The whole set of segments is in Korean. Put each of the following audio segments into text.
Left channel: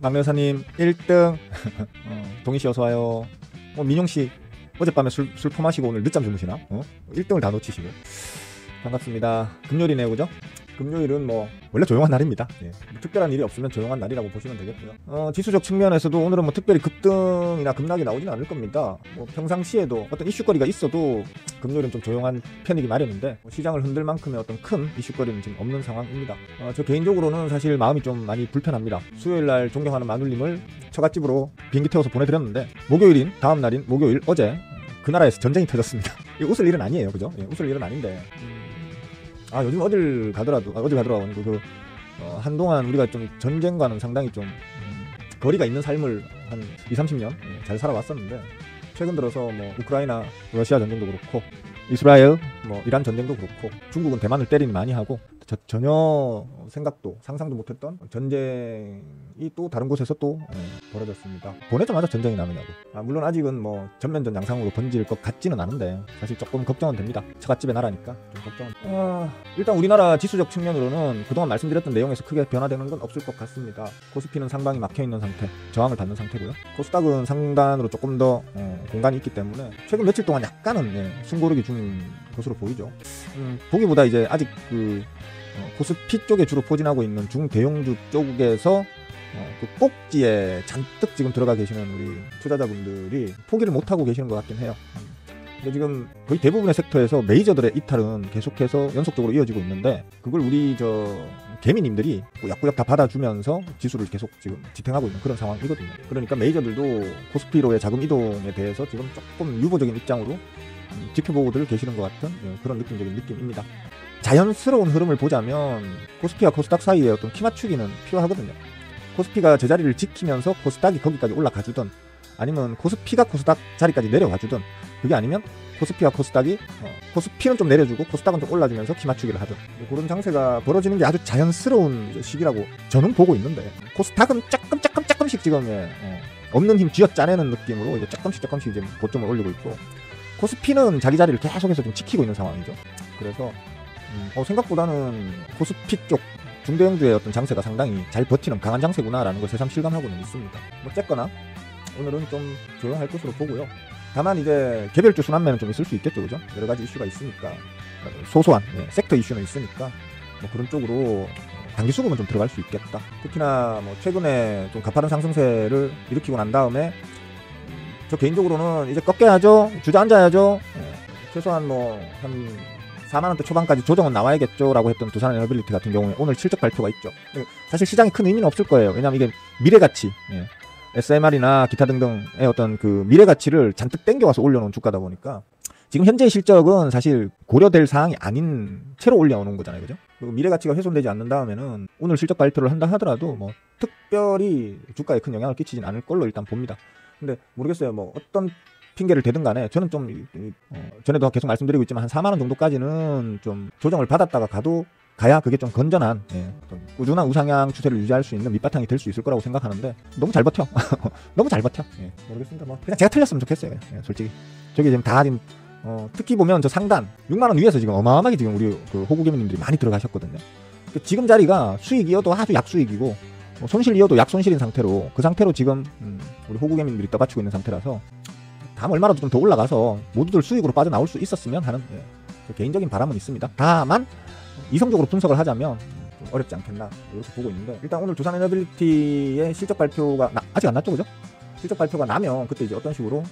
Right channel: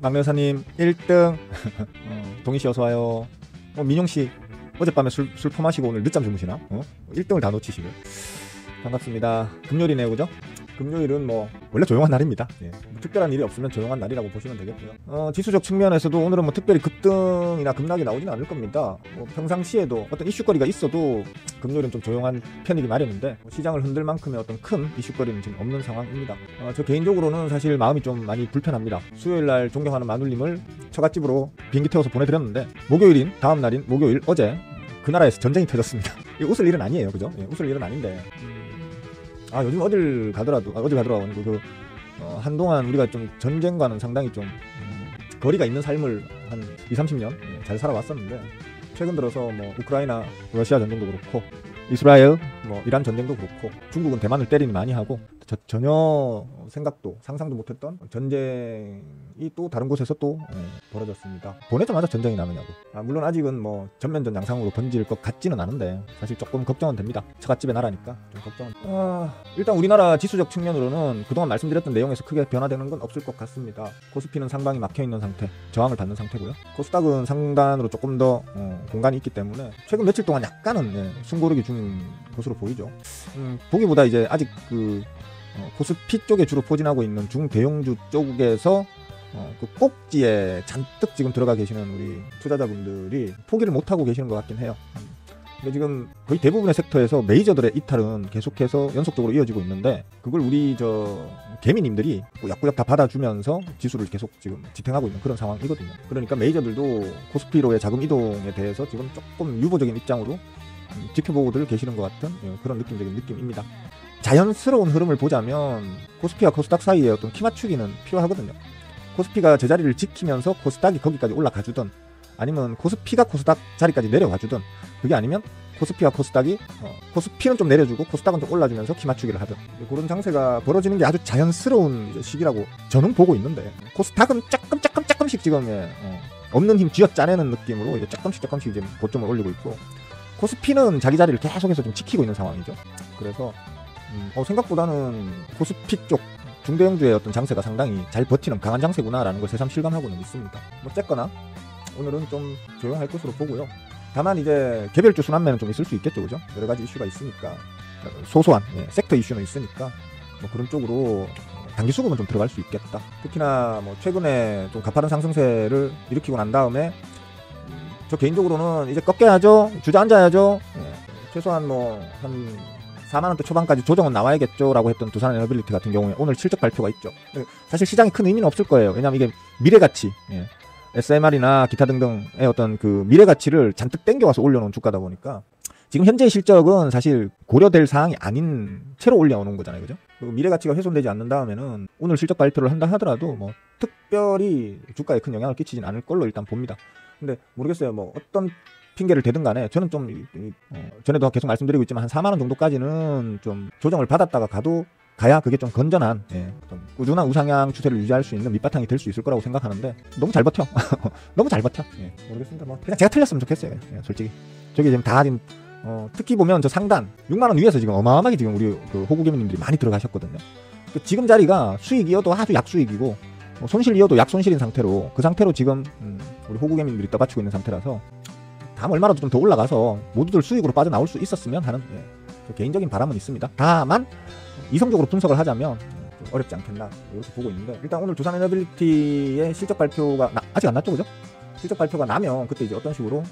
막내사님 1등. 동희씨 어서와요. 민용씨 어젯밤에 술 퍼마시고 오늘 늦잠 주무시나? 1등을 다 놓치시네. 반갑습니다. 금요일이네요, 그죠? 금요일은 뭐 원래 조용한 날입니다. 예. 특별한 일이 없으면 조용한 날이라고 보시면 되겠고요. 지수적 측면에서도 오늘은 뭐 특별히 급등이나 급락이 나오지는 않을 겁니다. 뭐 평상시에도 어떤 이슈거리가 있어도 금요일은 좀 조용한 편이기 마련인데 뭐 시장을 흔들 만큼의 어떤 큰 이슈거리는 지금 없는 상황입니다. 저 개인적으로는 사실 마음이 좀 많이 불편합니다. 수요일날 존경하는 마눌님을 처갓집으로 비행기 태워서 보내드렸는데 목요일인 다음 날인 목요일 어제 그 나라에서 전쟁이 터졌습니다. 웃을 일은 아니에요, 그죠? 웃을 일은 아닌데 요즘 어딜 가더라도 한동안 우리가 좀 전쟁과는 상당히 좀 거리가 있는 삶을 한 20-30년 잘 살아왔었는데 최근 들어서 뭐 우크라이나 러시아 전쟁도 그렇고 이스라엘 뭐 이란 전쟁도 그렇고 중국은 대만을 때리니 많이 하고 전혀 생각도 상상도 못했던 전쟁이 또 다른 곳에서 또 벌어졌습니다. 보내자마자 전쟁이 나느냐고. 물론 아직은 뭐 전면전 양상으로 번질 것 같지는 않은데 사실 조금 걱정은 됩니다. 처갓집의 나라니까 좀 걱정은. 일단 우리나라 지수적 측면으로는 그동안 말씀드렸던 내용에서 크게 변화되는 건 없을 것 같습니다. 코스피는 상방이 막혀있는 상태, 저항을 받는 상태고요. 코스닥은 상단으로 조금 더 공간이 있기 때문에 최근 며칠 동안 약간은 승고르게 준 것으로 보이죠. 보기보다 이제 아직 코스피 쪽에 주로 포진하고 있는 중대형주 쪽에서 그 꼭지에 잔뜩 지금 들어가 계시는 우리 투자자분들이 포기를 못하고 계시는 것 같긴 해요. 근데 지금 거의 대부분의 섹터에서 메이저들의 이탈은 계속해서 연속적으로 이어지고 있는데 그걸 우리 개미님들이 약구약 다 받아주면서 지수를 계속 지금 지탱하고 있는 그런 상황이거든요. 그러니까 메이저들도 코스피로의 자금 이동에 대해서 지금 조금 유보적인 입장으로 지켜보고들 계시는 것 같은 그런 느낌적인 느낌입니다. 자연스러운 흐름을 보자면 코스피와 코스닥 사이에 어떤 키 맞추기는 필요하거든요. 코스피가 제자리를 지키면서 코스닥이 거기까지 올라가주든 아니면 코스피가 코스닥 자리까지 내려와주든 그게 아니면 코스피와 코스닥이 코스피는 좀 내려주고 코스닥은 좀 올라주면서 키 맞추기를 하든 그런 장세가 벌어지는 게 아주 자연스러운 시기라고 저는 보고 있는데 코스닥은 조금씩 지금 없는 힘 쥐어짜내는 느낌으로 이제 조금씩 이제 고점을 올리고 있고 코스피는 자기자리를 계속해서 좀 지키고 있는 상황이죠. 그래서 생각보다는 코스피 쪽 중대형주의 어떤 장세가 상당히 잘 버티는 강한 장세구나라는 걸 새삼 실감하고는 있습니다. 어쨌거나 오늘은 좀 조용할 것으로 보고요. 다만 이제 개별주 순환매는 좀 있을 수 있겠죠, 그죠? 여러 가지 이슈가 있으니까 소소한 섹터 이슈가 있으니까 그런 쪽으로 단기 수급은 좀 들어갈 수 있겠다. 특히나 뭐 최근에 좀 가파른 상승세를 일으키고 난 다음에 저 개인적으로는 이제 꺾여야죠, 주저앉아야죠. 최소한 뭐 한 4만원대 초반까지 조정은 나와야겠죠 라고 했던 두산에너빌리티 같은 경우에 오늘 실적 발표가 있죠. 사실 시장에 큰 의미는 없을 거예요. 왜냐면 이게 미래가치 SMR이나 기타 등등의 어떤 그 미래가치를 잔뜩 땡겨서 올려놓은 주가다 보니까 지금 현재의 실적은 사실 고려될 사항이 아닌 채로 올려놓은 거잖아요, 그죠? 미래가치가 훼손되지 않는 다음에는 오늘 실적 발표를 한다 하더라도 뭐 특별히 주가에 큰 영향을 끼치진 않을 걸로 일단 봅니다. 근데 모르겠어요. 뭐 어떤 핑계를 대든 간에 저는 좀 전에도 계속 말씀드리고 있지만 한 4만원 정도까지는 좀 조정을 받았다가 가야 그게 좀 건전한 좀 꾸준한 우상향 추세를 유지할 수 있는 밑바탕이 될 수 있을 거라고 생각하는데 너무 잘 버텨. 너무 잘 버텨. 모르겠습니다. 뭐 그냥 제가 틀렸으면 좋겠어요. 솔직히 저게 지금 다 하긴 특히 보면 저 상단 6만원 위에서 지금 어마어마하게 지금 우리 그 호구개미님들이 많이 들어가셨거든요. 지금 자리가 수익이어도 해도 약수익이고 손실이어도 약손실인 상태로 그 상태로 지금 우리 호구개미님들이 떠받치고 있는 상태라서 다음 얼마라도 좀 더 올라가서 모두들 수익으로 빠져나올 수 있었으면 하는 개인적인 바람은 있습니다. 다만 이성적으로 분석을 하자면 어렵지 않겠나 이렇게 보고 있는데 일단 오늘 두산에너빌리티의 실적 발표가 아직 안 났죠, 그죠? 실적 발표가 나면 그때 이제 어떤 식으로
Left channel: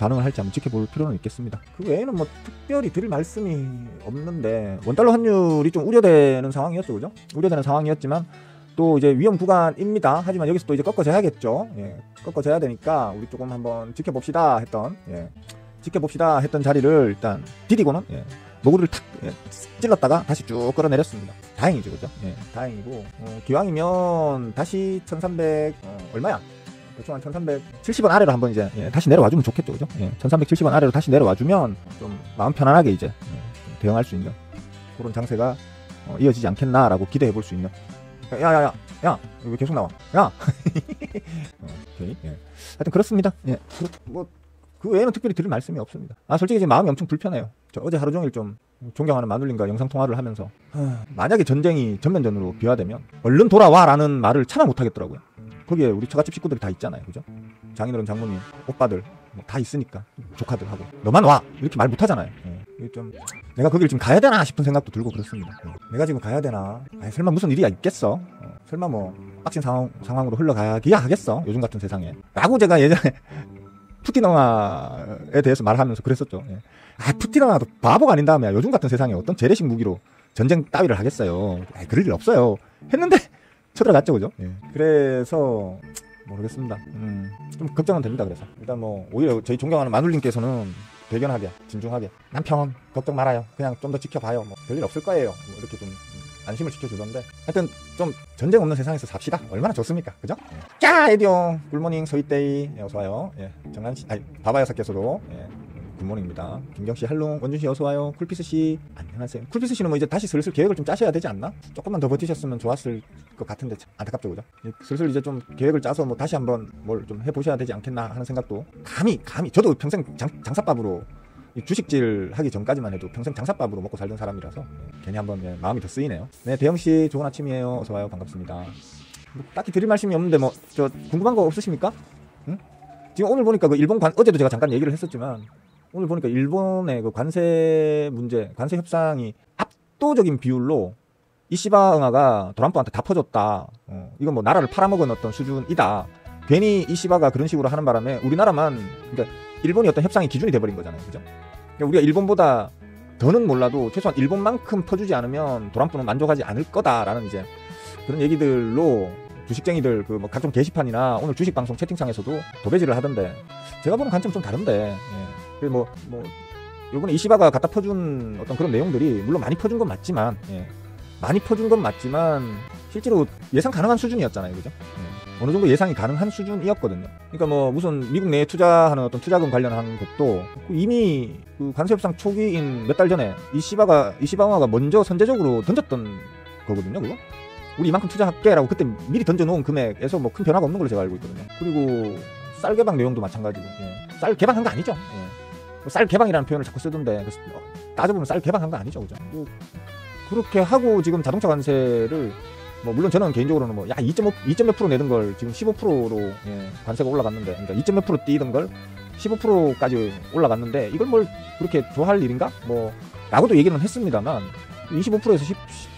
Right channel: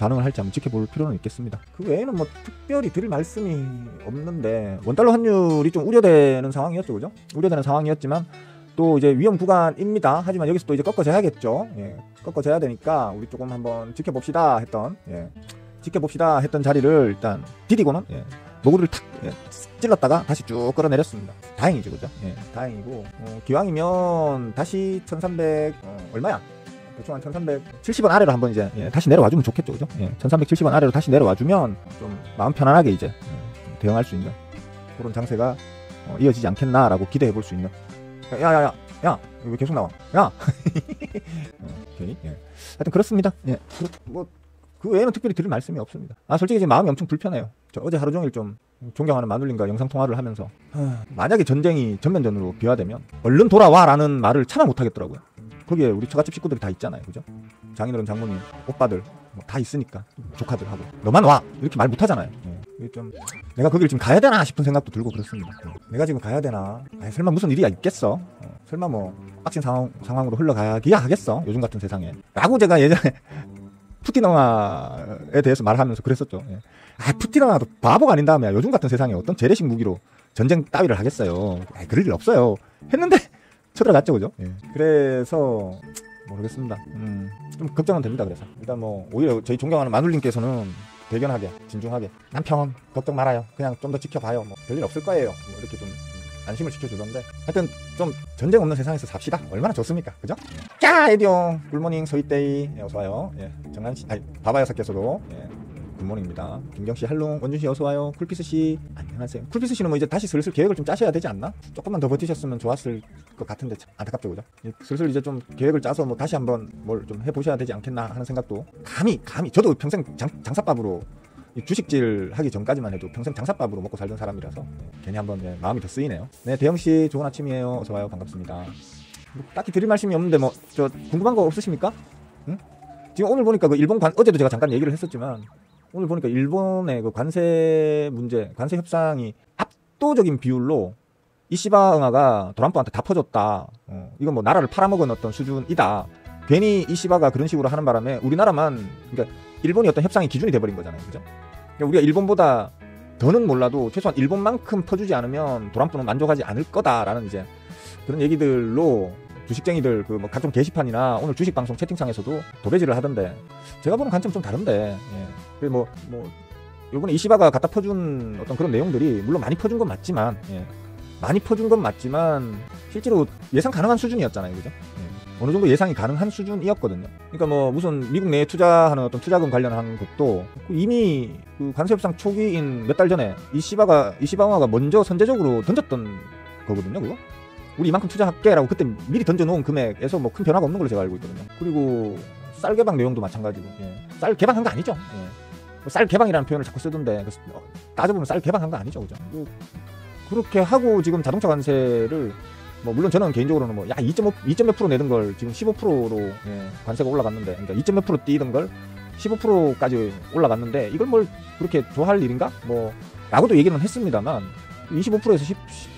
반응을 할지 한번 지켜볼 필요는 있겠습니다. 그 외에는 뭐 특별히 드릴 말씀이 없는데 원달러 환율이 좀 우려되는 상황이었죠, 그죠? 우려되는 상황이었지만 또 이제 위험 구간입니다. 하지만 여기서 또 이제 꺾어져야겠죠. 꺾어져야 되니까 우리 조금 한번 지켜봅시다 했던 자리를 일단 디디고는 모구리를 탁 찔렀다가 다시 쭉 끌어내렸습니다. 다행이죠, 그죠? 다행이고 기왕이면 다시 1300 얼마야? 대충 한 1370원 아래로 한번 이제 다시 내려와주면 좋겠죠, 그죠? 1370원 아래로 다시 내려와주면 좀 마음 편안하게 이제 대응할 수 있는 그런 장세가 이어지지 않겠나라고 기대해 볼 수 있는. 야, 왜 계속 나와? 야! 하여튼 그렇습니다. 뭐 그 외에는 특별히 드릴 말씀이 없습니다. 솔직히 지금 마음이 엄청 불편해요. 저 어제 하루 종일 좀 존경하는 마눌님과 영상통화를 하면서 만약에 전쟁이 전면전으로 비화되면 얼른 돌아와라는 말을 참아 못하겠더라고요. 거기에 우리 처갓집 식구들이 다 있잖아요. 그죠? 장인어른, 장모님, 오빠들 다 있으니까 조카들하고 너만 와! 이렇게 말 못하잖아요. 좀 내가 거길 좀 가야 되나 싶은 생각도 들고 그랬습니다. 내가 지금 가야 되나? 설마 무슨 일이 있겠어? 설마 뭐 빡친 상황으로 흘러가기야 하겠어? 요즘 같은 세상에. 라고 제가 예전에 푸틴왕에 대해서 말하면서 그랬었죠. 푸틴왕도 바보가 아닌 다음에 요즘 같은 세상에 어떤 재래식 무기로 전쟁 따위를 하겠어요. 그럴 일 없어요. 했는데 쳐들어갔죠, 그죠? 그래서 모르겠습니다. 좀 걱정은 됩니다. 그래서 일단 뭐 오히려 저희 존경하는 마눌님께서는 대견하게, 진중하게 남편 걱정 말아요. 그냥 좀 더 지켜봐요. 뭐 별일 없을 거예요. 뭐 이렇게 좀 안심을 지켜주던데 하여튼 좀 전쟁 없는 세상에서 삽시다. 얼마나 좋습니까? 그죠? 자, 에디오 굿모닝 소이데이 어서와요. 정한씨, 바바여섯께서도 굿모닝입니다. 김정씨, 할룽, 원준씨 어서와요. 쿨피스씨 안녕하세요. 쿨피스씨는 뭐 이제 다시 슬슬 계획을 좀 짜셔야 되지 않나? 조금만 더 버티셨으면 좋았을 것 같은데 안타깝죠, 그죠? 슬슬 이제 좀 계획을 짜서 뭐 다시 한번 뭘 좀 해보셔야 되지 않겠나 하는 생각도 감히 저도 평생 장사밥으로 주식질 하기 전까지만 해도 평생 장사밥으로 먹고 살던 사람이라서 괜히 한번 마음이 더 쓰이네요. 네, 도영씨 좋은 아침이에요. 어서와요. 반갑습니다. 딱히 드릴 말씀이 없는데 뭐 저 궁금한 거 없으십니까? 응? 지금 오늘 보니까 그 일본 어제도 제가 잠깐 얘기를 했었지만 오늘 보니까 일본의 그 관세 문제, 관세 협상이 압도적인 비율로 이시바 응아가 트럼프한테 다 퍼졌다. 이건 뭐 나라를 팔아먹은 어떤 수준이다. 괜히 이시바가 그런 식으로 하는 바람에 우리나라만, 그러니까 일본이 어떤 협상의 기준이 돼버린 거잖아요. 그죠? 그러니까 우리가 일본보다 더는 몰라도 최소한 일본만큼 퍼주지 않으면 트럼프는 만족하지 않을 거다라는 이제 그런 얘기들로 주식쟁이들 그 뭐 각종 게시판이나 오늘 주식방송 채팅창에서도 도배질을 하던데 제가 보는 관점이 좀 다른데 뭐 이번에 이시바가 갖다 퍼준 어떤 그런 내용들이 물론 많이 퍼준 건 맞지만 실제로 예상 가능한 수준이었잖아요. 그죠? 어느 정도 예상이 가능한 수준이었거든요. 그러니까 뭐 무슨 미국 내에 투자하는 어떤 투자금 관련한 것도 이미 그 관세협상 초기인 몇 달 전에 이시바가 먼저 선제적으로 던졌던 거거든요. 우리 이만큼 투자할게라고 그때 미리 던져놓은 금액에서 뭐 큰 변화가 없는 걸로 제가 알고 있거든요. 그리고 쌀 개방 내용도 마찬가지고 쌀 개방한 거 아니죠. 쌀 개방이라는 표현을 자꾸 쓰던데 따져보면 쌀 개방한 거 아니죠. 그죠? 그렇게 하고 지금 자동차 관세를 뭐 물론 저는 개인적으로는 뭐 2.몇 프로 내던 걸 지금 15%로 관세가 올라갔는데 2.몇 프로 뛰던 걸 15%까지 올라갔는데 이걸 뭘 그렇게 좋아할 일인가? 뭐 라고도 얘기는 했습니다만 25%에서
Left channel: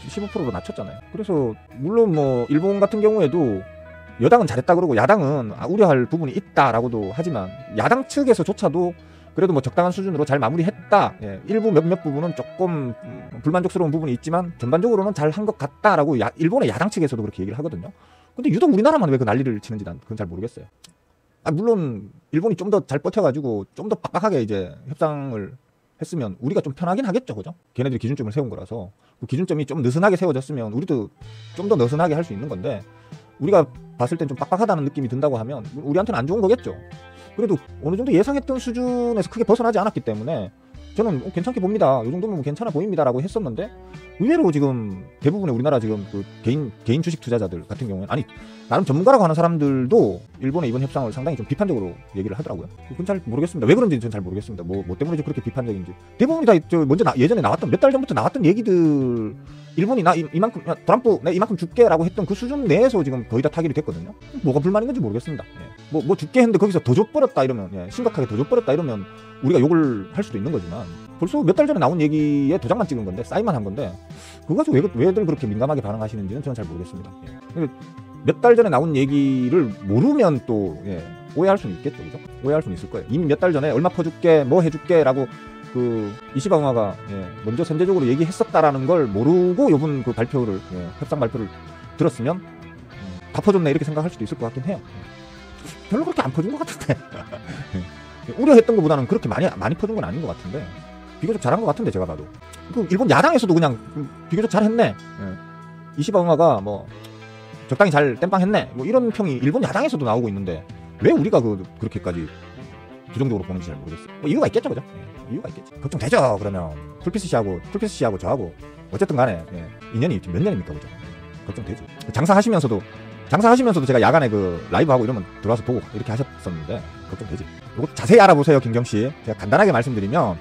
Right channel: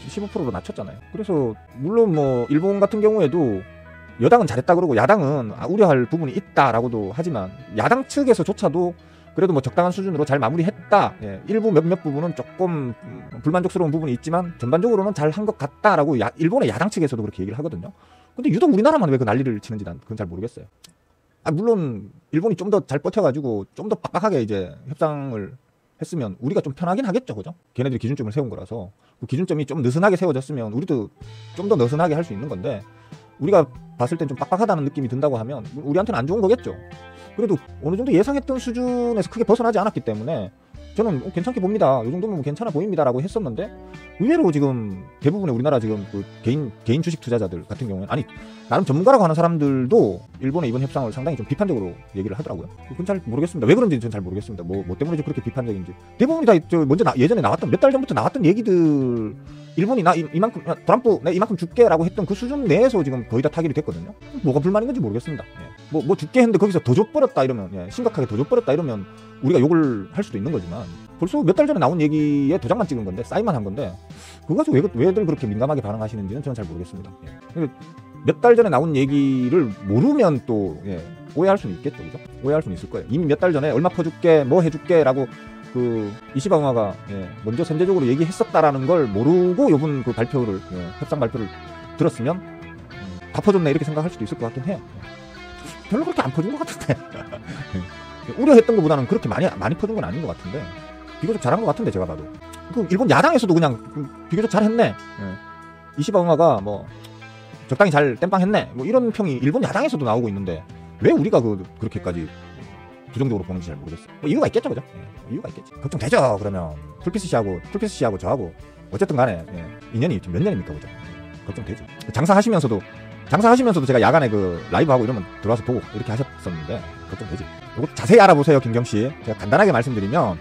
15%로 낮췄잖아요. 그래서 물론 뭐 일본 같은 경우에도 여당은 잘했다 그러고 야당은 우려할 부분이 있다라고도 하지만 야당 측에서조차도 그래도 뭐 적당한 수준으로 잘 마무리했다. 일부 몇몇 부분은 조금 불만족스러운 부분이 있지만 전반적으로는 잘 한 것 같다라고 일본의 야당 측에서도 그렇게 얘기를 하거든요. 근데 유독 우리나라만 왜 그 난리를 치는지 난 그건 잘 모르겠어요. 물론 일본이 좀 더 잘 버텨가지고 좀 더 빡빡하게 이제 협상을 했으면 우리가 좀 편하긴 하겠죠, 그죠? 걔네들이 기준점을 세운 거라서 그 기준점이 좀 느슨하게 세워졌으면 우리도 좀 더 느슨하게 할 수 있는 건데 우리가 봤을 때 좀 빡빡하다는 느낌이 든다고 하면 우리한테는 안 좋은 거겠죠. 그래도 어느 정도 예상했던 수준에서 크게 벗어나지 않았기 때문에 저는 괜찮게 봅니다. 이 정도면 괜찮아 보입니다라고 했었는데 의외로 지금 대부분의 우리나라 지금 그 개인 주식 투자자들 같은 경우는 나름 전문가라고 하는 사람들도 일본의 이번 협상을 상당히 좀 비판적으로 얘기를 하더라고요. 그건 잘 모르겠습니다. 왜 그런지 잘 모르겠습니다. 뭐 때문에 그렇게 비판적인지. 대부분이 다 먼저 예전에 나왔던 몇 달 전부터 나왔던 얘기들 일본이 트럼프 나 이만큼 줄게라고 했던 그 수준 내에서 지금 거의 다 타결이 됐거든요. 뭐가 불만인 건지 모르겠습니다. 뭐 줄게 했는데 거기서 더 줘버렸다 이러면 심각하게 더 줘버렸다 이러면 우리가 욕을 할 수도 있는 거지만 벌써 몇 달 전에 나온 얘기에 도장만 찍은 건데 사인만 한 건데 그거 가지고 왜들 그렇게 민감하게 반응하시는지는 저는 잘 모르겠습니다. 몇 달 전에 나온 얘기를 모르면 또 오해할 수 있겠죠, 그죠? 오해할 수는 있을 거예요. 이미 몇 달 전에 얼마 퍼줄게, 뭐 해줄게라고 그 이시방어가 먼저 선제적으로 얘기했었다라는 걸 모르고 이번 그 발표를 협상 발표를 들었으면 다 퍼줬네 이렇게 생각할 수도 있을 것 같긴 해요. 별로 그렇게 안 퍼준 것 같은데. 우려했던 것보다는 그렇게 많이 퍼준 건 아닌 것 같은데 비교적 잘한 것 같은데 제가 봐도 그 일본 야당에서도 그냥 비교적 잘했네. 이시방어가 뭐 적당히 잘 땜빵했네 뭐 이런 평이 일본 야당에서도 나오고 있는데 왜 우리가 그렇게까지 부정적으로 보는지 잘 모르겠어요. 뭐 이유가 있겠죠, 그죠? 이유가 있겠죠. 그좀 되죠. 그러면 툴피스 씨하고 저하고 어쨌든 간에 인연이 지금 몇 년입니까, 그죠? 좀 되죠. 장사하시면서도 제가 야간에 그 라이브 하고 이러면 들어와서 보고 이렇게 하셨었는데 좀 되지. 이거 자세히 알아보세요, 김경씨. 제가 간단하게 말씀드리면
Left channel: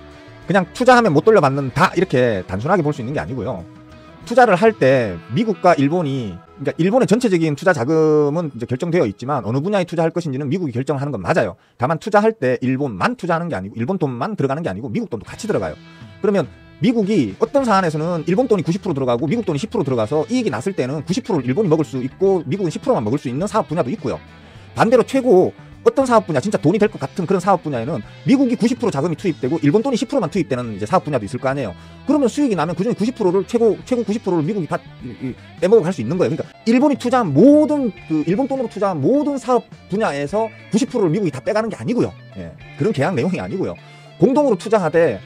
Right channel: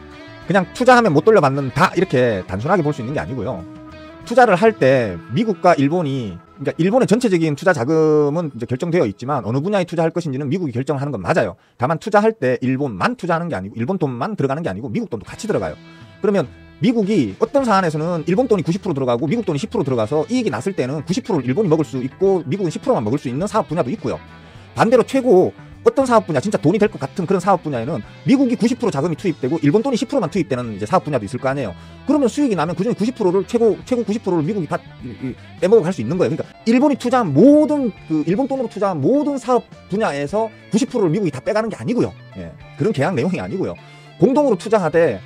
그냥 투자하면 못 돌려받는다 이렇게 단순하게 볼 수 있는 게 아니고요. 투자를 할 때 미국과 일본이, 그러니까 일본의 전체적인 투자 자금은 이제 결정되어 있지만 어느 분야에 투자할 것인지는 미국이 결정하는 건 맞아요. 다만 투자할 때 일본만 투자하는 게 아니고, 일본 돈만 들어가는 게 아니고 미국 돈도 같이 들어가요. 그러면 미국이 어떤 사안에서는 일본 돈이 90% 들어가고 미국 돈이 10% 들어가서 이익이 났을 때는 90%를 일본이 먹을 수 있고 미국은 10%만 먹을 수 있는 사업 분야도 있고요. 반대로 최고 어떤 사업 분야, 진짜 돈이 될 것 같은 그런 사업 분야에는 미국이 90% 자금이 투입되고 일본 돈이 10%만 투입되는 사업 분야도 있을 거 아니에요. 그러면 수익이 나면 그중에 90%를 최고 90%를 미국이 빼먹어 갈 수 있는 거예요. 그러니까 일본이 투자한 모든 일본 돈으로 투자한 모든 사업 분야에서 90%를 미국이 다 빼가는 게 아니고요. 예. 그런 계약 내용이 아니고요. 공동으로 투자하되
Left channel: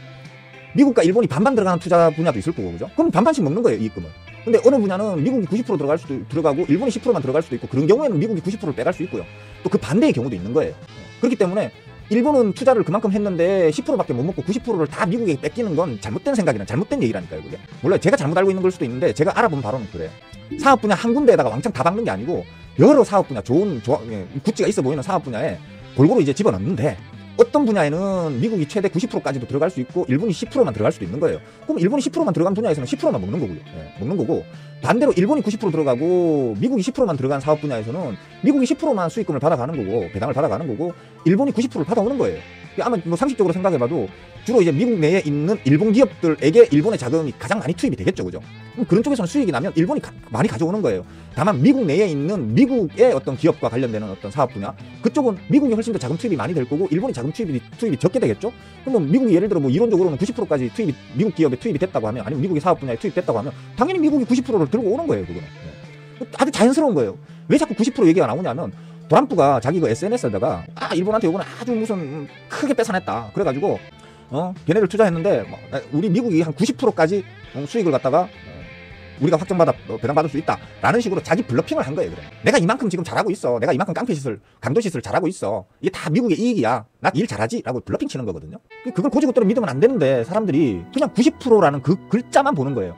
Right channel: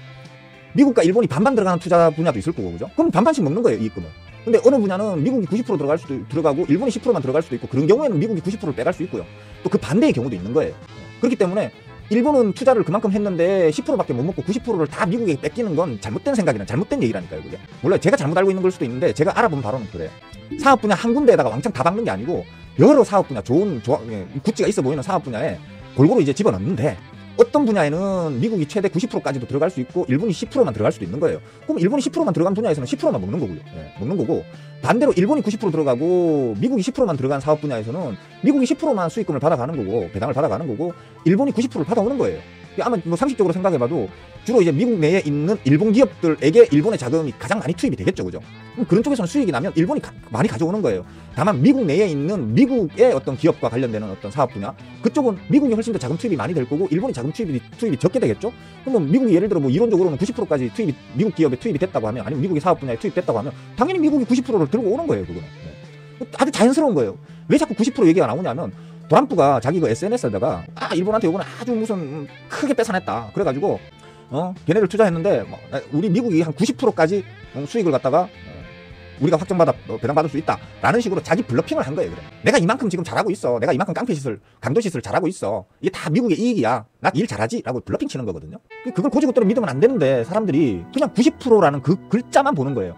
미국과 일본이 반반 들어가는 투자 분야도 있을 거고, 그죠? 그럼 반반씩 먹는 거예요, 이익금을. 근데 어느 분야는 미국이 90% 들어갈 수도 들어가고 일본이 10%만 들어갈 수도 있고, 그런 경우에는 미국이 90%를 빼갈 수 있고요. 또 그 반대의 경우도 있는 거예요. 그렇기 때문에 일본은 투자를 그만큼 했는데 10%밖에 못 먹고 90%를 다 미국에 뺏기는 건 잘못된 생각이라 잘못된 얘기라니까요, 그게. 물론 제가 잘못 알고 있는 걸 수도 있는데 제가 알아본 바로는 그래요. 사업 분야 한 군데에다가 왕창 다 박는 게 아니고 여러 사업 분야, 좋은 구찌가 있어 보이는 사업 분야에 골고루 이제 집어넣는데, 어떤 분야에는 미국이 최대 90%까지도 들어갈 수 있고 일본이 10%만 들어갈 수도 있는 거예요. 그럼 일본이 10%만 들어간 분야에서는 10%만 먹는 거고요. 예, 먹는 거고, 반대로 일본이 90% 들어가고 미국이 10%만 들어간 사업 분야에서는 미국이 10%만 수익금을 받아가는 거고 배당을 받아가는 거고 일본이 90%를 받아오는 거예요. 아마 뭐 상식적으로 생각해봐도 주로 이제 미국 내에 있는 일본 기업들에게 일본의 자금이 가장 많이 투입이 되겠죠, 그죠? 그럼 그런 쪽에서는 수익이 나면 일본이 많이 가져오는 거예요. 다만 미국 내에 있는 미국의 어떤 기업과 관련되는 어떤 사업 분야, 그쪽은 미국이 훨씬 더 자금 투입이 많이 될 거고 일본이 자금 투입이 적게 되겠죠? 그러면 미국이 예를 들어 뭐 이론적으로는 90%까지 미국 기업에 투입이 됐다고 하면, 아니면 미국의 사업 분야에 투입됐다고 하면 당연히 미국이 90%를 들고 오는 거예요, 그게. 아주 자연스러운 거예요. 왜 자꾸 90% 얘기가 나오냐면 트럼프가 자기 그 SNS에다가 일본한테 이거는 아주 무슨 크게 뺏어냈다 그래가지고 걔네들 투자했는데 우리 미국이 한 90%까지 수익을 갖다가 우리가 확정받아 배당받을 수 있다 라는 식으로 자기 블러핑을 한 거예요. 그래. 내가 이만큼 지금 잘하고 있어, 내가 이만큼 강도시설 잘하고 있어, 이게 다 미국의 이익이야, 난 일 잘하지 라고 블러핑 치는 거거든요. 그걸 고지고대로 믿으면 안 되는데 사람들이 그냥 90%라는 그 글자만 보는 거예요.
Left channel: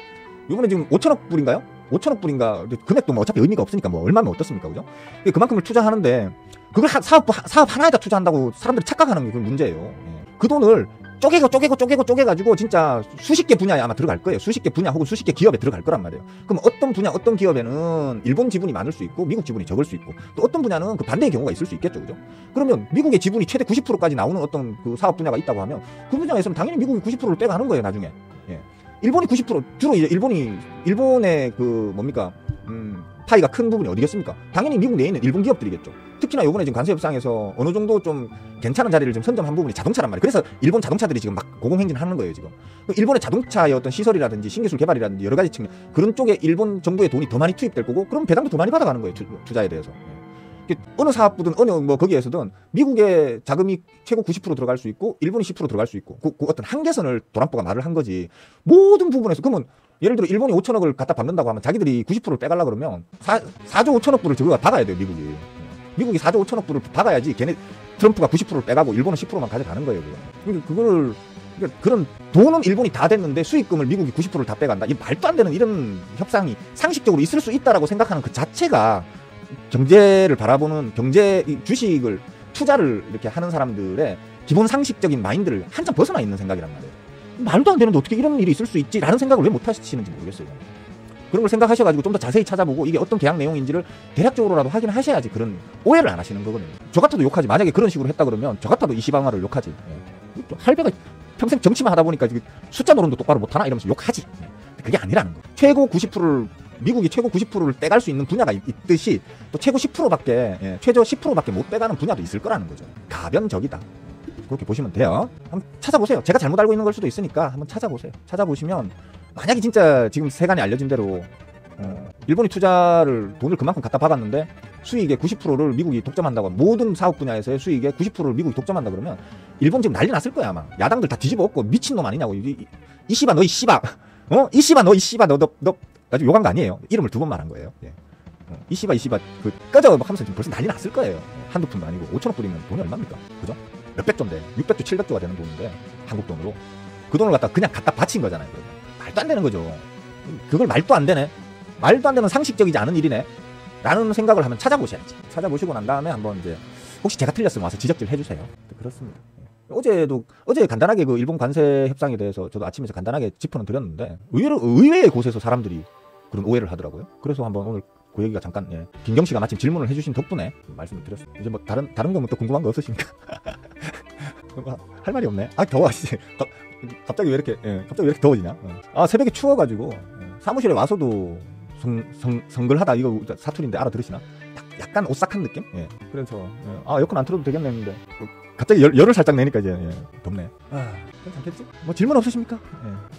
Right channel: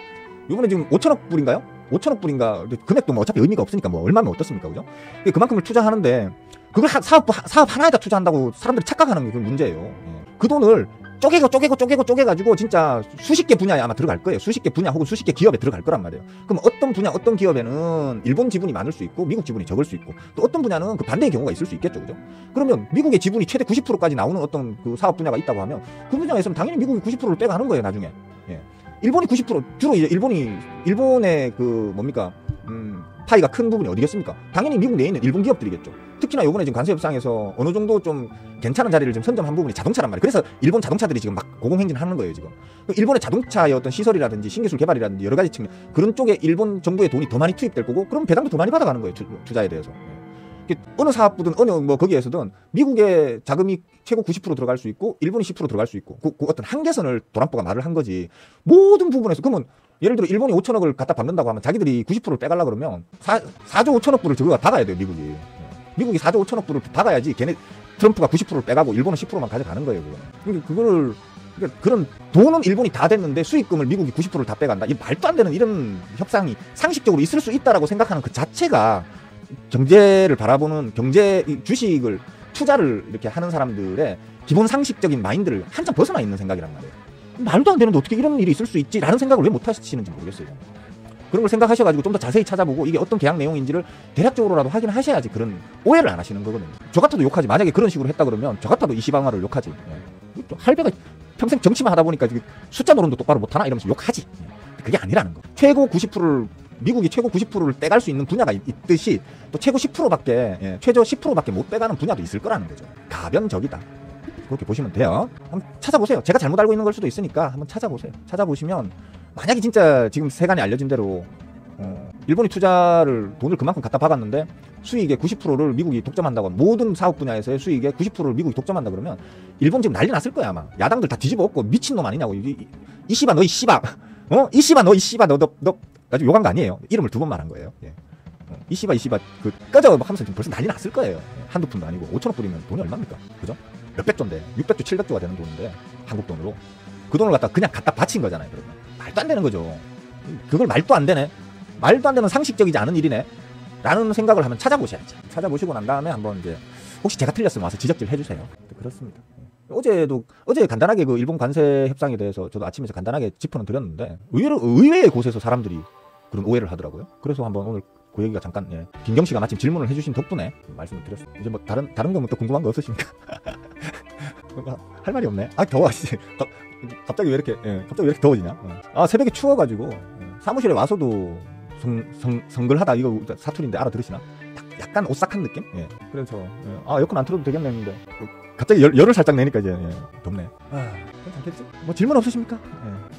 이번에 지금 5천억 불인가요? 5천억 불인가? 금액도 뭐 어차피 의미가 없으니까 뭐 얼마면 어떻습니까, 그죠? 그만큼을 투자하는데 그걸 사업 하나에다 투자한다고 사람들이 착각하는 게 문제예요. 그 돈을 쪼개가지고 진짜 수십 개 분야에 아마 들어갈 거예요. 수십 개 분야 혹은 수십 개 기업에 들어갈 거란 말이에요. 그럼 어떤 분야, 어떤 기업에는 일본 지분이 많을 수 있고 미국 지분이 적을 수 있고, 어떤 분야는 그 반대의 경우가 있을 수 있겠죠, 그죠? 그러면 미국의 지분이 최대 90%까지 나오는 어떤 그 사업 분야가 있다고 하면 그 분야에 있으면 당연히 미국이 90%를 빼가는 거예요, 나중에. 예. 일본이 90%, 주로 이제 일본의 그 뭡니까 파이가 큰 부분이 어디겠습니까? 당연히 미국 내에 있는 일본 기업들이겠죠. 특히나 요번에 지금 관세협상에서 어느 정도 좀 괜찮은 자리를 좀 선점한 부분이 자동차란 말이에요. 그래서 일본 자동차들이 지금 막 고공행진하는 거예요, 지금. 일본의 자동차의 어떤 시설이라든지 신기술 개발이라든지 여러 가지 측면, 그런 쪽에 일본 정부의 돈이 더 많이 투입될 거고, 그럼 배당도 더 많이 받아가는 거예요, 투자에 대해서. 어느 사업부든 어느 뭐 거기에서든 미국의 자금이 최고 90% 들어갈 수 있고 일본이 10% 들어갈 수 있고, 그 어떤 한계선을 트럼프가 말을 한 거지. 모든 부분에서. 그러면 예를 들어 일본이 5천억을 갖다 받는다고 하면 자기들이 90%를 빼가려고 그러면 4조 5천억 불을 저거가 박아야 돼요, 미국이. 미국이 4조 5천억 불을 박아야지 걔네 트럼프가 90%를 빼가고 일본은 10%만 가져가는 거예요. 그러니까 그런 돈은 일본이 다 됐는데 수익금을 미국이 90%를 다 빼간다. 이 말도 안 되는 이런 협상이 상식적으로 있을 수 있다라고 생각하는 그 자체가 경제를 바라보는 주식을 투자를 이렇게 하는 사람들의 기본 상식적인 마인드를 한참 벗어나 있는 생각이란 말이에요. 말도 안 되는데 어떻게 이런 일이 있을 수 있지? 라는 생각을 왜 못 하시는지 모르겠어요. 그런 걸 생각하셔가지고 좀 더 자세히 찾아보고 이게 어떤 계약 내용인지를 대략적으로라도 확인하셔야지 그런 오해를 안 하시는 거거든요. 저 같아도 욕하지. 만약에 그런 식으로 했다 그러면 저 같아도 이 시방화를 욕하지. 또 할배가 평생 정치만 하다 보니까 숫자 노름도 똑바로 못하나 이러면서 욕하지. 그게 아니라는 거. 미국이 최고 90%를 빼갈 수 있는 분야가 있듯이 또 최고 10%밖에 최저 10%밖에 못 빼가는 분야도 있을 거라는 거죠. 가변적이다. 그렇게 보시면 돼요. 한번 찾아보세요. 제가 잘못 알고 있는 걸 수도 있으니까 한번 찾아보세요. 찾아보시면 만약에 진짜 지금 세간이 알려진 대로 일본이 돈을 그만큼 갖다 박았는데 수익의 90%를 미국이 독점한다고 하면, 모든 사업 분야에서의 수익의 90%를 미국이 독점한다 그러면 일본 지금 난리 났을 거야, 아마. 야당들 다 뒤집어 엎고 미친놈 아니냐고. 이 씨바 너 이 씨바 너 나중에 욕한 거 아니에요. 이름을 2번 말한 거예요. 이 씨바 꺼져 막 하면서 지금 벌써 난리 났을 거예요. 한두 푼도 아니고 5천억 불이면 돈이 얼마입니까? 그죠? 몇백 조인데 600조 700조가 되는 돈인데 한국 돈으로 그 돈을 그냥 갖다 바친 거잖아요. 말도 안 되는 거죠. 그걸 말도 안 되는 상식적이지 않은 일이네 라는 생각을 하면 찾아보셔야지. 찾아보시고 난 다음에 한번 이제 혹시 제가 틀렸으면 와서 지적질 해주세요. 그렇습니다. 어제 간단하게 그 일본 관세 협상에 대해서 저도 아침에 간단하게 짚어는 드렸는데 의외의 곳에서 사람들이 그런 오해를 하더라고요. 그래서 한번 오늘 그 얘기가 잠깐 김경 씨가 마침 질문을 해주신 덕분에 말씀을 드렸습니다. 이제 뭐 다른 거 또 궁금한 거 없으십니까? 할 말이 없네. 아 더워 씨. 갑자기 왜 이렇게 더워지냐? 아 새벽에 추워가지고 사무실에 와서도 성글하다 이거 사투리인데 알아들으시나? 약간 오싹한 느낌? 예. 그래서 에어컨 안 틀어도 되겠네 했는데 갑자기 열을 살짝 내니까 이제 덥네. 괜찮겠지? 뭐 질문 없으십니까?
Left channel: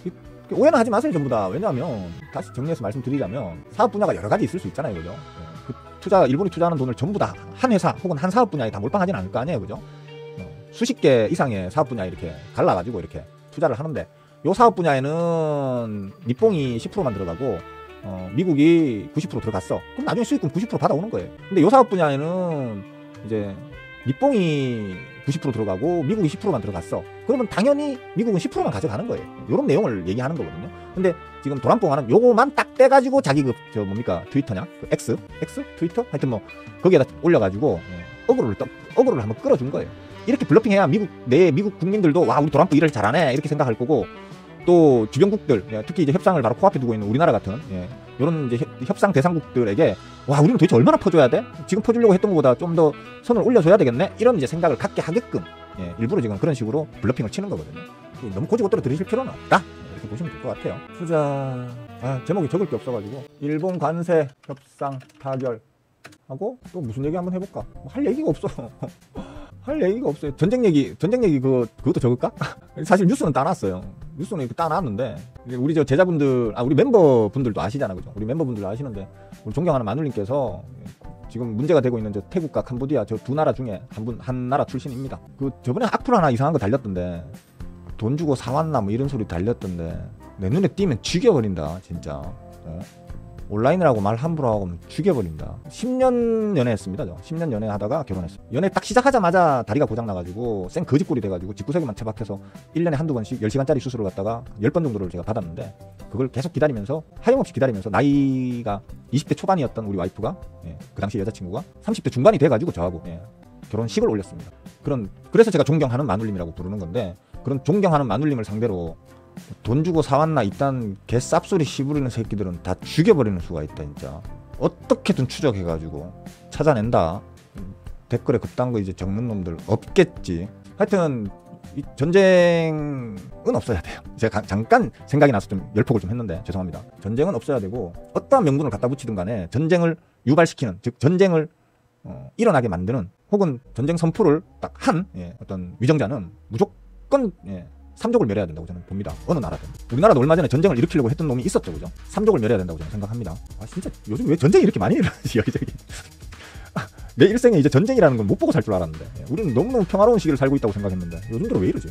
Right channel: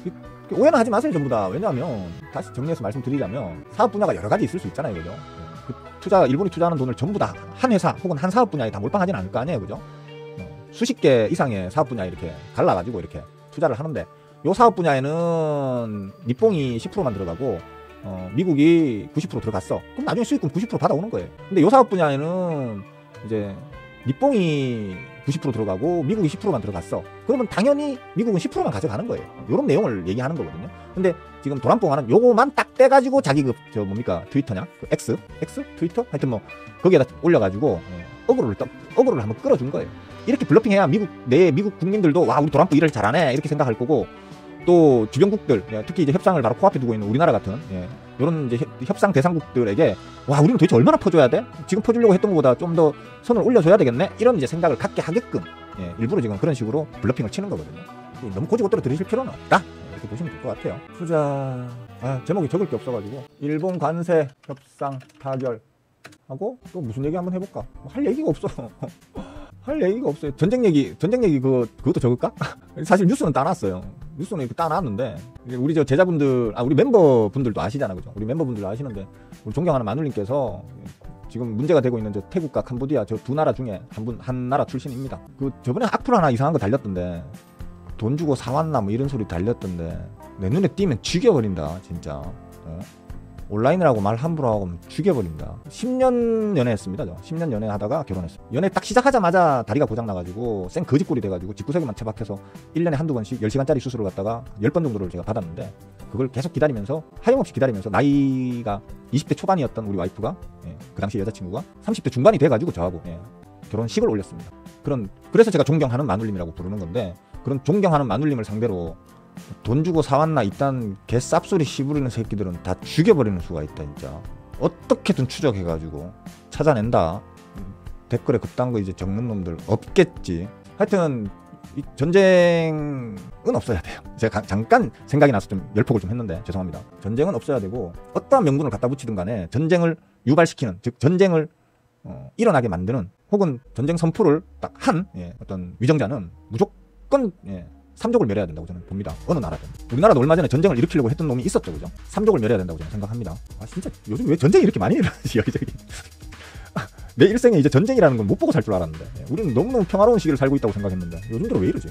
예. 오해는 하지 마세요 전부 다. 왜냐하면 다시 정리해서 말씀드리자면 사업 분야가 여러 가지 있을 수 있잖아요, 그죠? 일본이 투자하는 돈을 전부 다 한 회사 혹은 한 사업 분야에 다 몰빵하지는 않을 거 아니에요, 그죠? 수십 개 이상의 사업 분야에 이렇게 갈라가지고 이렇게 투자를 하는데 이 사업 분야에는 니뽕이 10%만 들어가고 미국이 90% 들어갔어. 그럼 나중에 수익금 90% 받아오는 거예요. 근데 이 사업 분야에는 이제 니뽕이 90% 들어가고 미국이 10%만 들어갔어. 그러면 당연히 미국은 10%만 가져가는 거예요. 이런 내용을 얘기하는 거거든요. 근데 지금 도남뽕하는 요거만 딱 떼가지고 자기 트위터냐? X? 트위터? 하여튼 뭐 거기에다 올려가지고 어그로를 한번 끌어준 거예요. 이렇게 블러핑해야 미국 국민들도 와 우리 도남뽕 일을 잘하네 이렇게 생각할 거고, 또 주변국들, 특히 이제 협상을 바로 코앞에 두고 있는 우리나라 같은 이런 이제 협상 대상국들에게 와 우리는 도대체 얼마나 퍼줘야 돼? 지금 퍼주려고 했던 것보다 좀 더 선을 올려줘야 되겠네? 이런 이제 생각을 갖게 하게끔 일부러 지금 그런 식으로 블러핑을 치는 거거든요. 너무 고지고대로 들이실 필요는 없다. 이렇게 보시면 될 것 같아요. 투자 제목이 적을 게 없어가지고 일본 관세 협상 타결 하고 또 무슨 얘기 한번 해볼까? 뭐 할 얘기가 없어. 할 얘기가 없어요. 전쟁 얘기 그것도 적을까? 사실 뉴스는 따놨어요. 뉴스는 이렇게 따놨는데 우리 제자분들, 우리 멤버분들도 아시잖아요, 그죠? 우리 멤버분들도 아시는데 우리 존경하는 마눌님께서 지금 문제가 되고 있는 태국과 캄보디아 저 두 나라 중에 한 나라 출신입니다. 저번에 악플 하나 이상한 거 달렸던데 돈 주고 사왔나 뭐 이런 소리 달렸던데 내 눈에 띄면 죽여버린다 진짜. 온라인이라고 말 함부로 하고 죽여버린다. 10년 연애했습니다. 10년 연애하다가 결혼했어요. 연애 딱 시작하자마자 다리가 고장나가지고 생 거지꼴이 돼가지고 집구석에만 처박혀서 1년에 한두 번씩 10시간짜리 수술을 갖다가 10번 정도는 제가 받았는데 그걸 계속 기다리면서 하염없이 기다리면서 나이가 20대 초반이었던 우리 와이프가 그 당시 여자친구가 30대 중반이 돼가지고 저하고 결혼식을 올렸습니다. 그래서 제가 존경하는 마눌님이라고 부르는 건데, 그런 존경하는 마눌님을 상대로 돈 주고 사왔나 이딴 개 쌉소리 씹으리는 새끼들은 다 죽여버리는 수가 있다 진짜. 어떻게든 추적해가지고 찾아낸다. 댓글에 그딴 거 이제 적는 놈들 없겠지. 하여튼 이 전쟁은 없어야 돼요. 제가 잠깐 생각이 나서 좀 멸폭을 좀 했는데 죄송합니다. 전쟁은 없어야 되고 어떠한 명분을 갖다 붙이든 간에 전쟁을 유발시키는, 즉 전쟁을 일어나게 만드는 혹은 전쟁 선포를 딱 한 어떤 위정자는 무조건 3족을 멸해야 된다고 저는 봅니다. 어느 나라도. 우리나라도 얼마 전에 전쟁을 일으키려고 했던 놈이 있었죠, 그죠? 3족을 멸해야 된다고 저는 생각합니다. 진짜 요즘 왜 전쟁이 이렇게 많이 일어나지, 여기저기. 내 일생에 이제 전쟁이라는 건 못 보고 살 줄 알았는데 우리는 너무너무 평화로운 시기를 살고 있다고 생각했는데 요즘 들어 왜 이러지?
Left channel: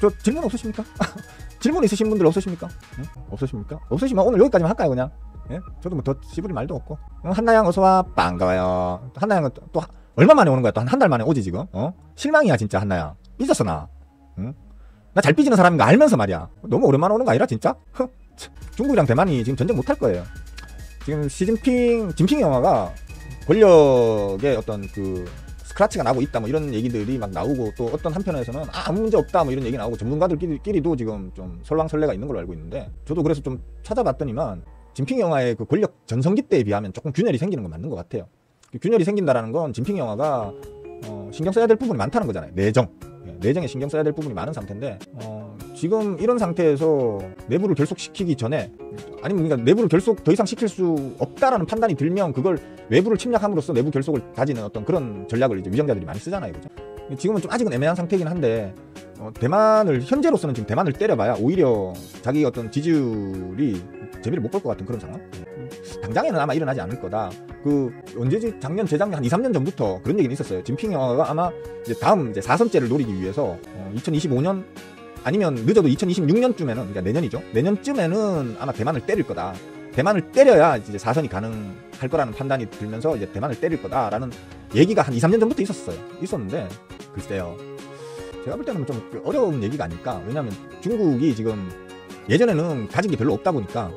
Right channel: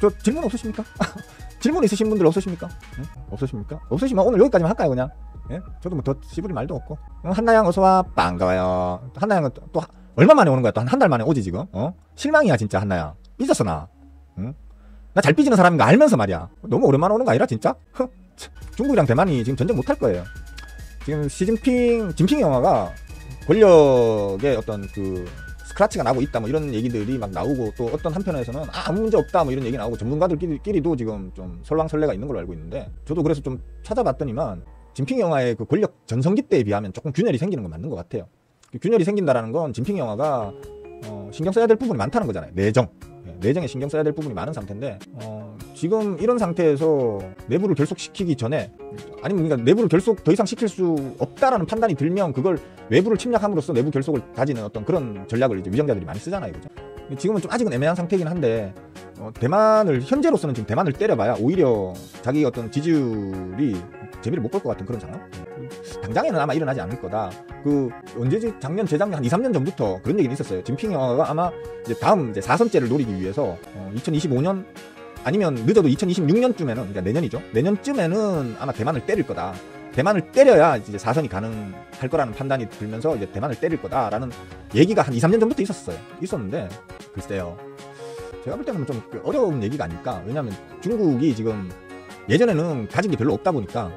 저 질문 없으십니까? 질문 있으신 분들 없으십니까? 없으십니까? 없으시면 오늘 여기까지만 할까요, 그냥? 저도 뭐 더 씹을 말도 없고. 한나양 어서와. 반가워요. 한나양은 또 얼마 만에 오는 거야? 또 한 달 만에 오지 지금? 실망이야 진짜 한나양. 삐졌어 나. 나 잘 삐지는 사람인 거 알면서 말이야. 너무 오랜만에 오는 거 아니라 진짜? 중국이랑 대만이 지금 전쟁 못할 거예요. 지금 시진핑이 권력의 어떤 스크래치가 나고 있다 뭐 이런 얘기들이 막 나오고, 또 어떤 한편에서는 아무 문제 없다 뭐 이런 얘기 나오고, 전문가들끼리도 지금 좀 설랑설레가 있는 걸로 알고 있는데, 저도 그래서 좀 찾아봤더니는 진핑 영화의 그 권력 전성기 때에 비하면 조금 균열이 생기는 건 맞는 것 같아요. 균열이 생긴다라는 건 진핑 영화가 신경 써야 될 부분이 많다는 거잖아요. 내정에 신경 써야 될 부분이 많은 상태인데, 지금 이런 상태에서 내부를 결속시키기 전에, 아니면 그러니까 내부를 결속 더 이상 시킬 수 없다라는 판단이 들면 그걸 외부를 침략함으로써 내부 결속을 가지는 어떤 그런 전략을 이제 위정자들이 많이 쓰잖아요, 그죠? 지금은 좀 아직은 애매한 상태이긴 한데, 현재로서는 지금 대만을 때려봐야 오히려 자기 어떤 지지율이 재미를 못 볼 것 같은 그런 상황. 당장에는 아마 일어나지 않을 거다. 언제지? 재작년 한 2, 3년 전부터 그런 얘기는 있었어요. 진핑 영화가 아마 이제 다음 4선째를 노리기 위해서 2025년 아니면 늦어도 2026년쯤에는, 그러니까 내년이죠. 내년쯤에는 아마 대만을 때릴 거다. 대만을 때려야 이제 4선이 가능할 거라는 판단이 들면서 이제 대만을 때릴 거다라는 얘기가 한 2, 3년 전부터 있었는데, 글쎄요. 제가 볼 때는 좀 어려운 얘기가 아닐까. 왜냐면 중국이 지금 예전에는 가진 게 별로 없다 보니까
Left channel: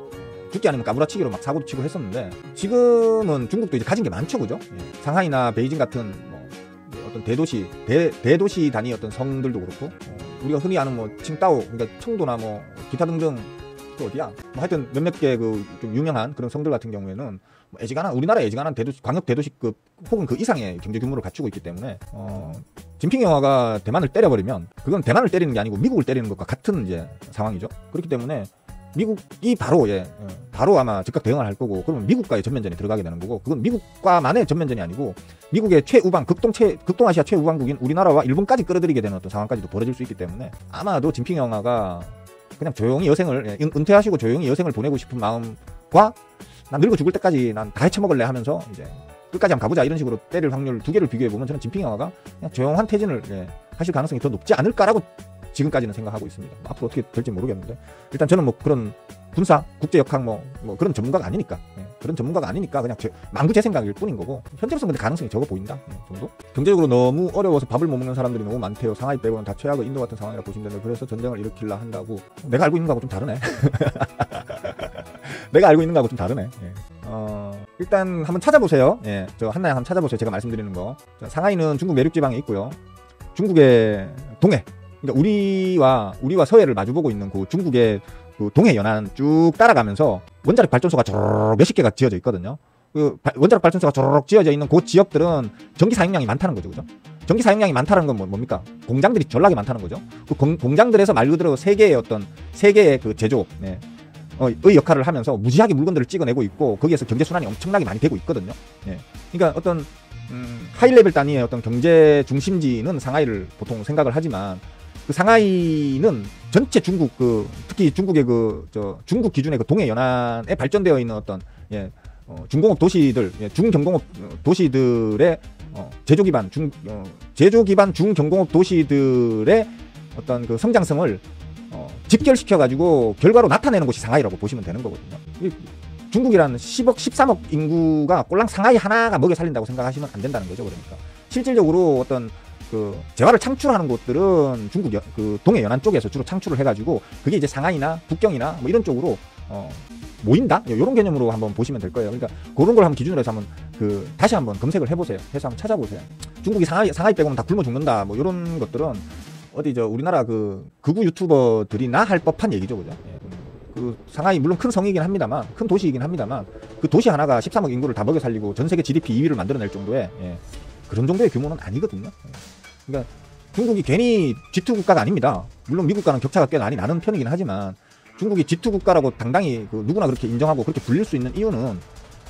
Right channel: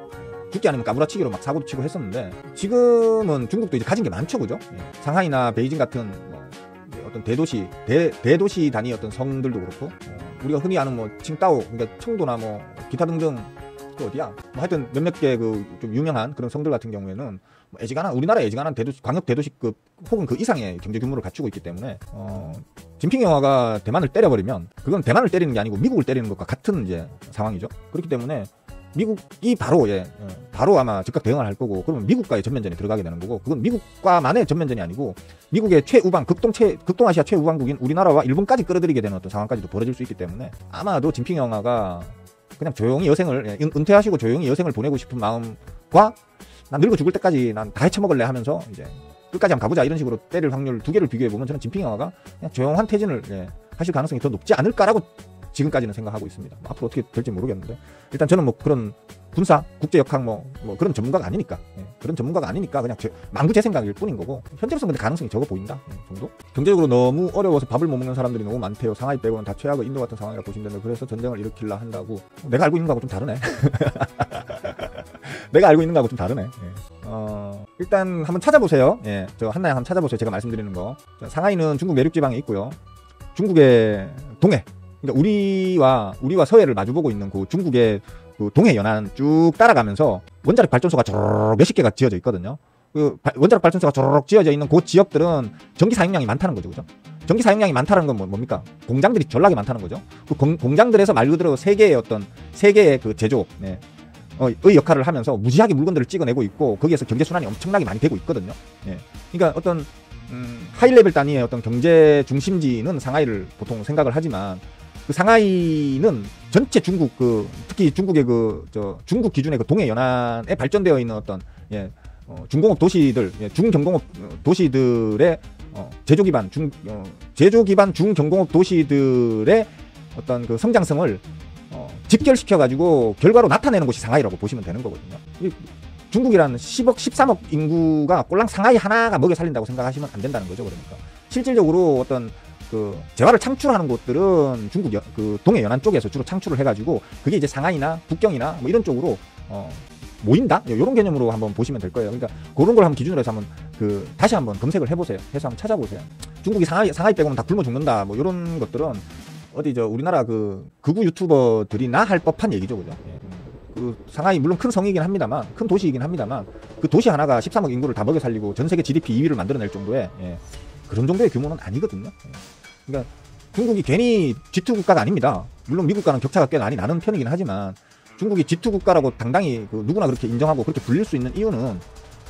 죽기 아니면 까무라치기로 막 사고도 치고 했었는데, 지금은 중국도 이제 가진 게 많죠, 그죠? 상하이나 베이징 같은 어떤 대도시 단위 어떤 성들도 그렇고, 우리가 흔히 아는 뭐 칭따오, 그러니까 청도나 뭐 기타 등등 그 어디야? 뭐 하여튼 몇몇 개 그 좀 유명한 그런 성들 같은 경우에는 우리나라 예지간한 대도시, 광역 대도시급 혹은 그 이상의 경제 규모를 갖추고 있기 때문에 진핑이가 대만을 때려버리면 그건 대만을 때리는 게 아니고 미국을 때리는 것과 같은 이제 상황이죠. 그렇기 때문에 미국이 바로 아마 즉각 대응을 할 거고, 미국과의 전면전에 들어가게 되는 거고, 그건 미국과만의 전면전이 아니고 미국의 최우방 극동아시아 최우방국인 우리나라와 일본까지 끌어들이게 되는 어떤 상황까지도 벌어질 수 있기 때문에 아마도 진핑 영화가 그냥 조용히 여생을 은퇴하시고 조용히 여생을 보내고 싶은 마음과 난 늙어 죽을 때까지 난 다 해쳐먹을래 하면서 이제 끝까지 한번 가보자 이런 식으로 때릴 확률 두 개를 비교해보면 저는 진핑 영화가 그냥 조용한 퇴진을 하실 가능성이 더 높지 않을까라고 지금까지는 생각하고 있습니다. 앞으로 어떻게 될지 모르겠는데 일단 저는 뭐 그런 군사, 국제역학 뭐 그런 전문가가 아니니까 그냥 망구 제 생각일 뿐인 거고, 현재로서는 근데 가능성이 적어 보인다 정도? 경제적으로 너무 어려워서 밥을 못 먹는 사람들이 너무 많대요. 상하이 빼고는 다 최하고 인도 같은 상황이라고 보시면 돼요. 그래서 전쟁을 일으키려 한다고. 내가 알고 있는 거하고 좀 다르네. 내가 알고 있는 거하고 좀 다르네. 일단 한번 찾아보세요. 저 한나양 한번 찾아보세요. 제가 말씀드리는 거. 상하이는 중국 내륙 지방에 있고요. 중국의 동해, 그러니까 우리와 서해를 마주보고 있는 그 중국의 그 동해 연안 쭉 따라가면서 원자력 발전소가 쭉 몇십 개가 지어져 있거든요. 그 원자력 발전소가 쭉 지어져 있는 그 지역들은 전기 사용량이 많다는 거죠, 그죠? 전기 사용량이 많다는 건 뭡니까? 공장들이 전락이 많다는 거죠. 그 공장들에서 말 그대로 세계의 그 제조, 의 역할을 하면서 무지하게 물건들을 찍어내고 있고, 거기에서 경제 순환이 엄청나게 많이 되고 있거든요. 그러니까 어떤 하이레벨 단위의 어떤 경제 중심지는 상하이를 보통 생각을 하지만, 그 상하이는 전체 중국 특히 중국의 중국 기준의 동해 연안에 발전되어 있는 어떤 중공업 도시들, 중정공업 도시들의 제조 기반 중정공업 도시들의 어떤 그 성장성을 집결시켜 가지고 결과로 나타내는 곳이 상하이라고 보시면 되는 거거든요. 중국이라는 10억, 13억 인구가 꼴랑 상하이 하나가 먹여 살린다고 생각하시면 안 된다는 거죠. 그러니까 실질적으로 어떤 그 재화를 창출하는 곳들은 중국 그 동해 연안 쪽에서 주로 창출을 해가지고 그게 이제 상하이나 북경이나 뭐 이런 쪽으로 모인다, 이런 개념으로 한번 보시면 될 거예요. 그러니까 그런 걸 한번 기준으로 해서 한번 다시 한번 검색을 해보세요. 해서 한번 찾아보세요. 중국이 상하이 빼고는 다 굶어 죽는다, 뭐 이런 것들은 어디 우리나라 극우 유튜버들이나 할 법한 얘기죠, 그죠? 그 상하이 물론 큰 성이긴 합니다만, 큰 도시이긴 합니다만, 그 도시 하나가 13억 인구를 다 먹여 살리고 전 세계 GDP 2위를 만들어낼 정도의 그런 정도의 규모는 아니거든요. 그러니까 중국이 괜히 G2 국가가 아닙니다. 물론 미국과는 격차가 꽤 많이 나는 편이긴 하지만 중국이 G2 국가라고 당당히 누구나 그렇게 인정하고 그렇게 불릴 수 있는 이유는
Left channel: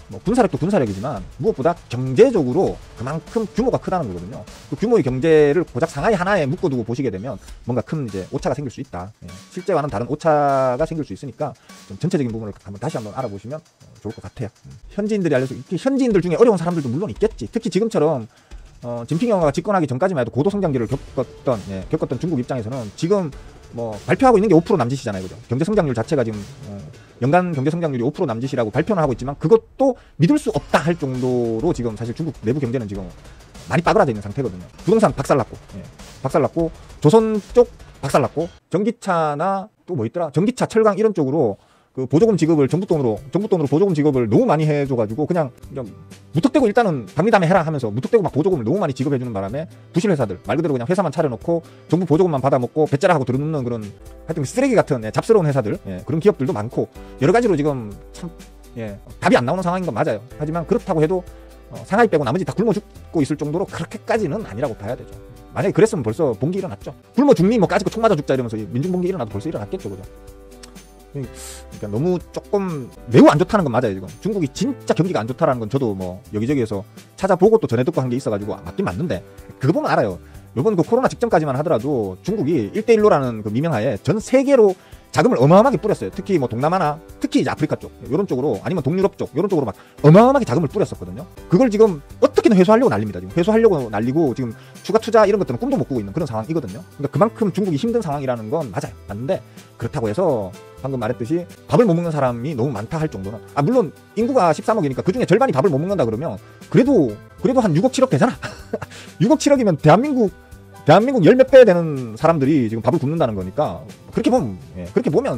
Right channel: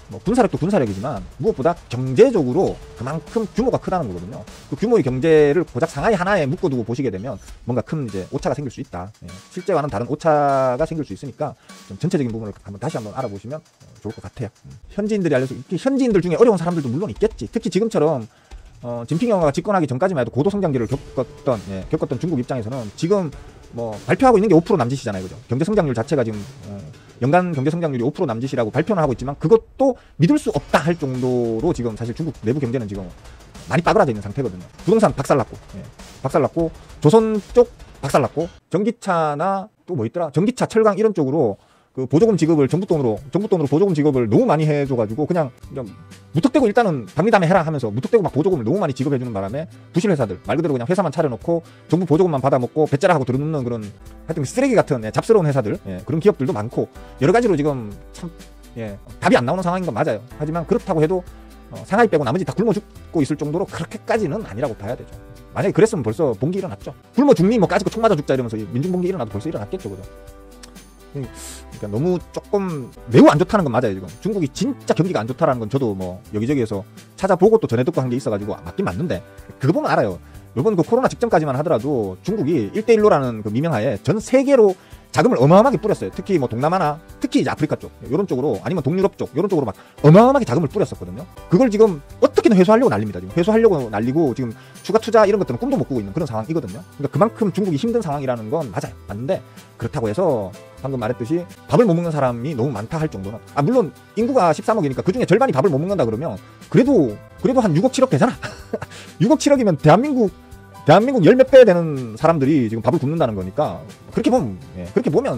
뭐 군사력도 군사력이지만 무엇보다 경제적으로 그만큼 규모가 크다는 거거든요. 그 규모의 경제를 고작 상하이 하나에 묶어두고 보시게 되면 뭔가 큰 이제 오차가 생길 수 있다. 실제와는 다른 오차가 생길 수 있으니까 좀 전체적인 부분을 다시 한번 알아보시면 좋을 것 같아요. 현지인들이 현지인들 중에 어려운 사람들도 물론 있겠지. 특히 지금처럼 진핑 영화가 집권하기 전까지만 해도 고도 성장기를 겪었던 중국 입장에서는 지금 뭐 발표하고 있는 게 5% 남짓이잖아요, 그죠? 경제 성장률 자체가 지금 연간 경제 성장률이 5% 남짓이라고 발표는 하고 있지만 그것도 믿을 수 없다 할 정도로 지금 사실 중국 내부 경제는 지금 많이 빠그라져 있는 상태거든요. 부동산 박살났고 조선 쪽 박살났고, 전기차나 또 뭐 있더라, 전기차, 철강 이런 쪽으로 그 보조금 지급을 정부 돈으로 보조금 지급을 너무 많이 해줘가지고 그냥 무턱대고 일단은 백리담에 해라 하면서 무턱대고 막 보조금 너무 많이 지급해주는 바람에 부실 회사들, 말 그대로 그냥 회사만 차려놓고 정부 보조금만 받아먹고 배째라 하고 들어눕는 그런 하여튼 쓰레기 같은 잡스러운 회사들, 그런 기업들도 많고 여러 가지로 지금 참 답이 안 나오는 상황인 건 맞아요. 하지만 그렇다고 해도 상하이 빼고 나머지 다 굶어 죽고 있을 정도로 그렇게까지는 아니라고 봐야 되죠. 만약에 그랬으면 벌써 봉기 일어났죠. 굶어 죽니 뭐 까짓거 총 맞아 죽자 이러면서 민중봉기 일어나도 벌써 일어났겠죠, 그죠? 그러니까 너무 조금 매우 안 좋다는 건 맞아요. 지금 중국이 진짜 경기가 안 좋다는 건 저도 뭐 여기저기에서 찾아보고 또 전해 듣고 한 게 있어가지고 맞긴 맞는데, 그거 보면 알아요. 이번 그 코로나 직전까지만 하더라도 중국이 1대1로라는 그 미명하에 전 세계로 자금을 어마어마하게 뿌렸어요. 특히 뭐 동남아나 특히 이제 아프리카 쪽 이런 쪽으로, 아니면 동유럽 쪽 이런 쪽으로 막 어마어마하게 자금을 뿌렸었거든요. 그걸 지금 어떻게든 회수하려고 난립니다. 지금 회수하려고 날리고 지금 추가 투자 이런 것들은 꿈도 못 꾸고 있는 그런 상황이거든요. 그러니까 그만큼 중국이 힘든 상황이라는 건 맞아요. 맞는데 그렇다고 해서 방금 말했듯이 밥을 못 먹는 사람이 너무 많다 할 정도는, 물론 인구가 13억이니까 그중에 절반이 밥을 못 먹는다 그러면 그래도 한 6억 7억 되잖아. 6억 7억이면 대한민국 10몇 배 되는 사람들이 지금 밥을 굶는다는 거니까 그렇게 보면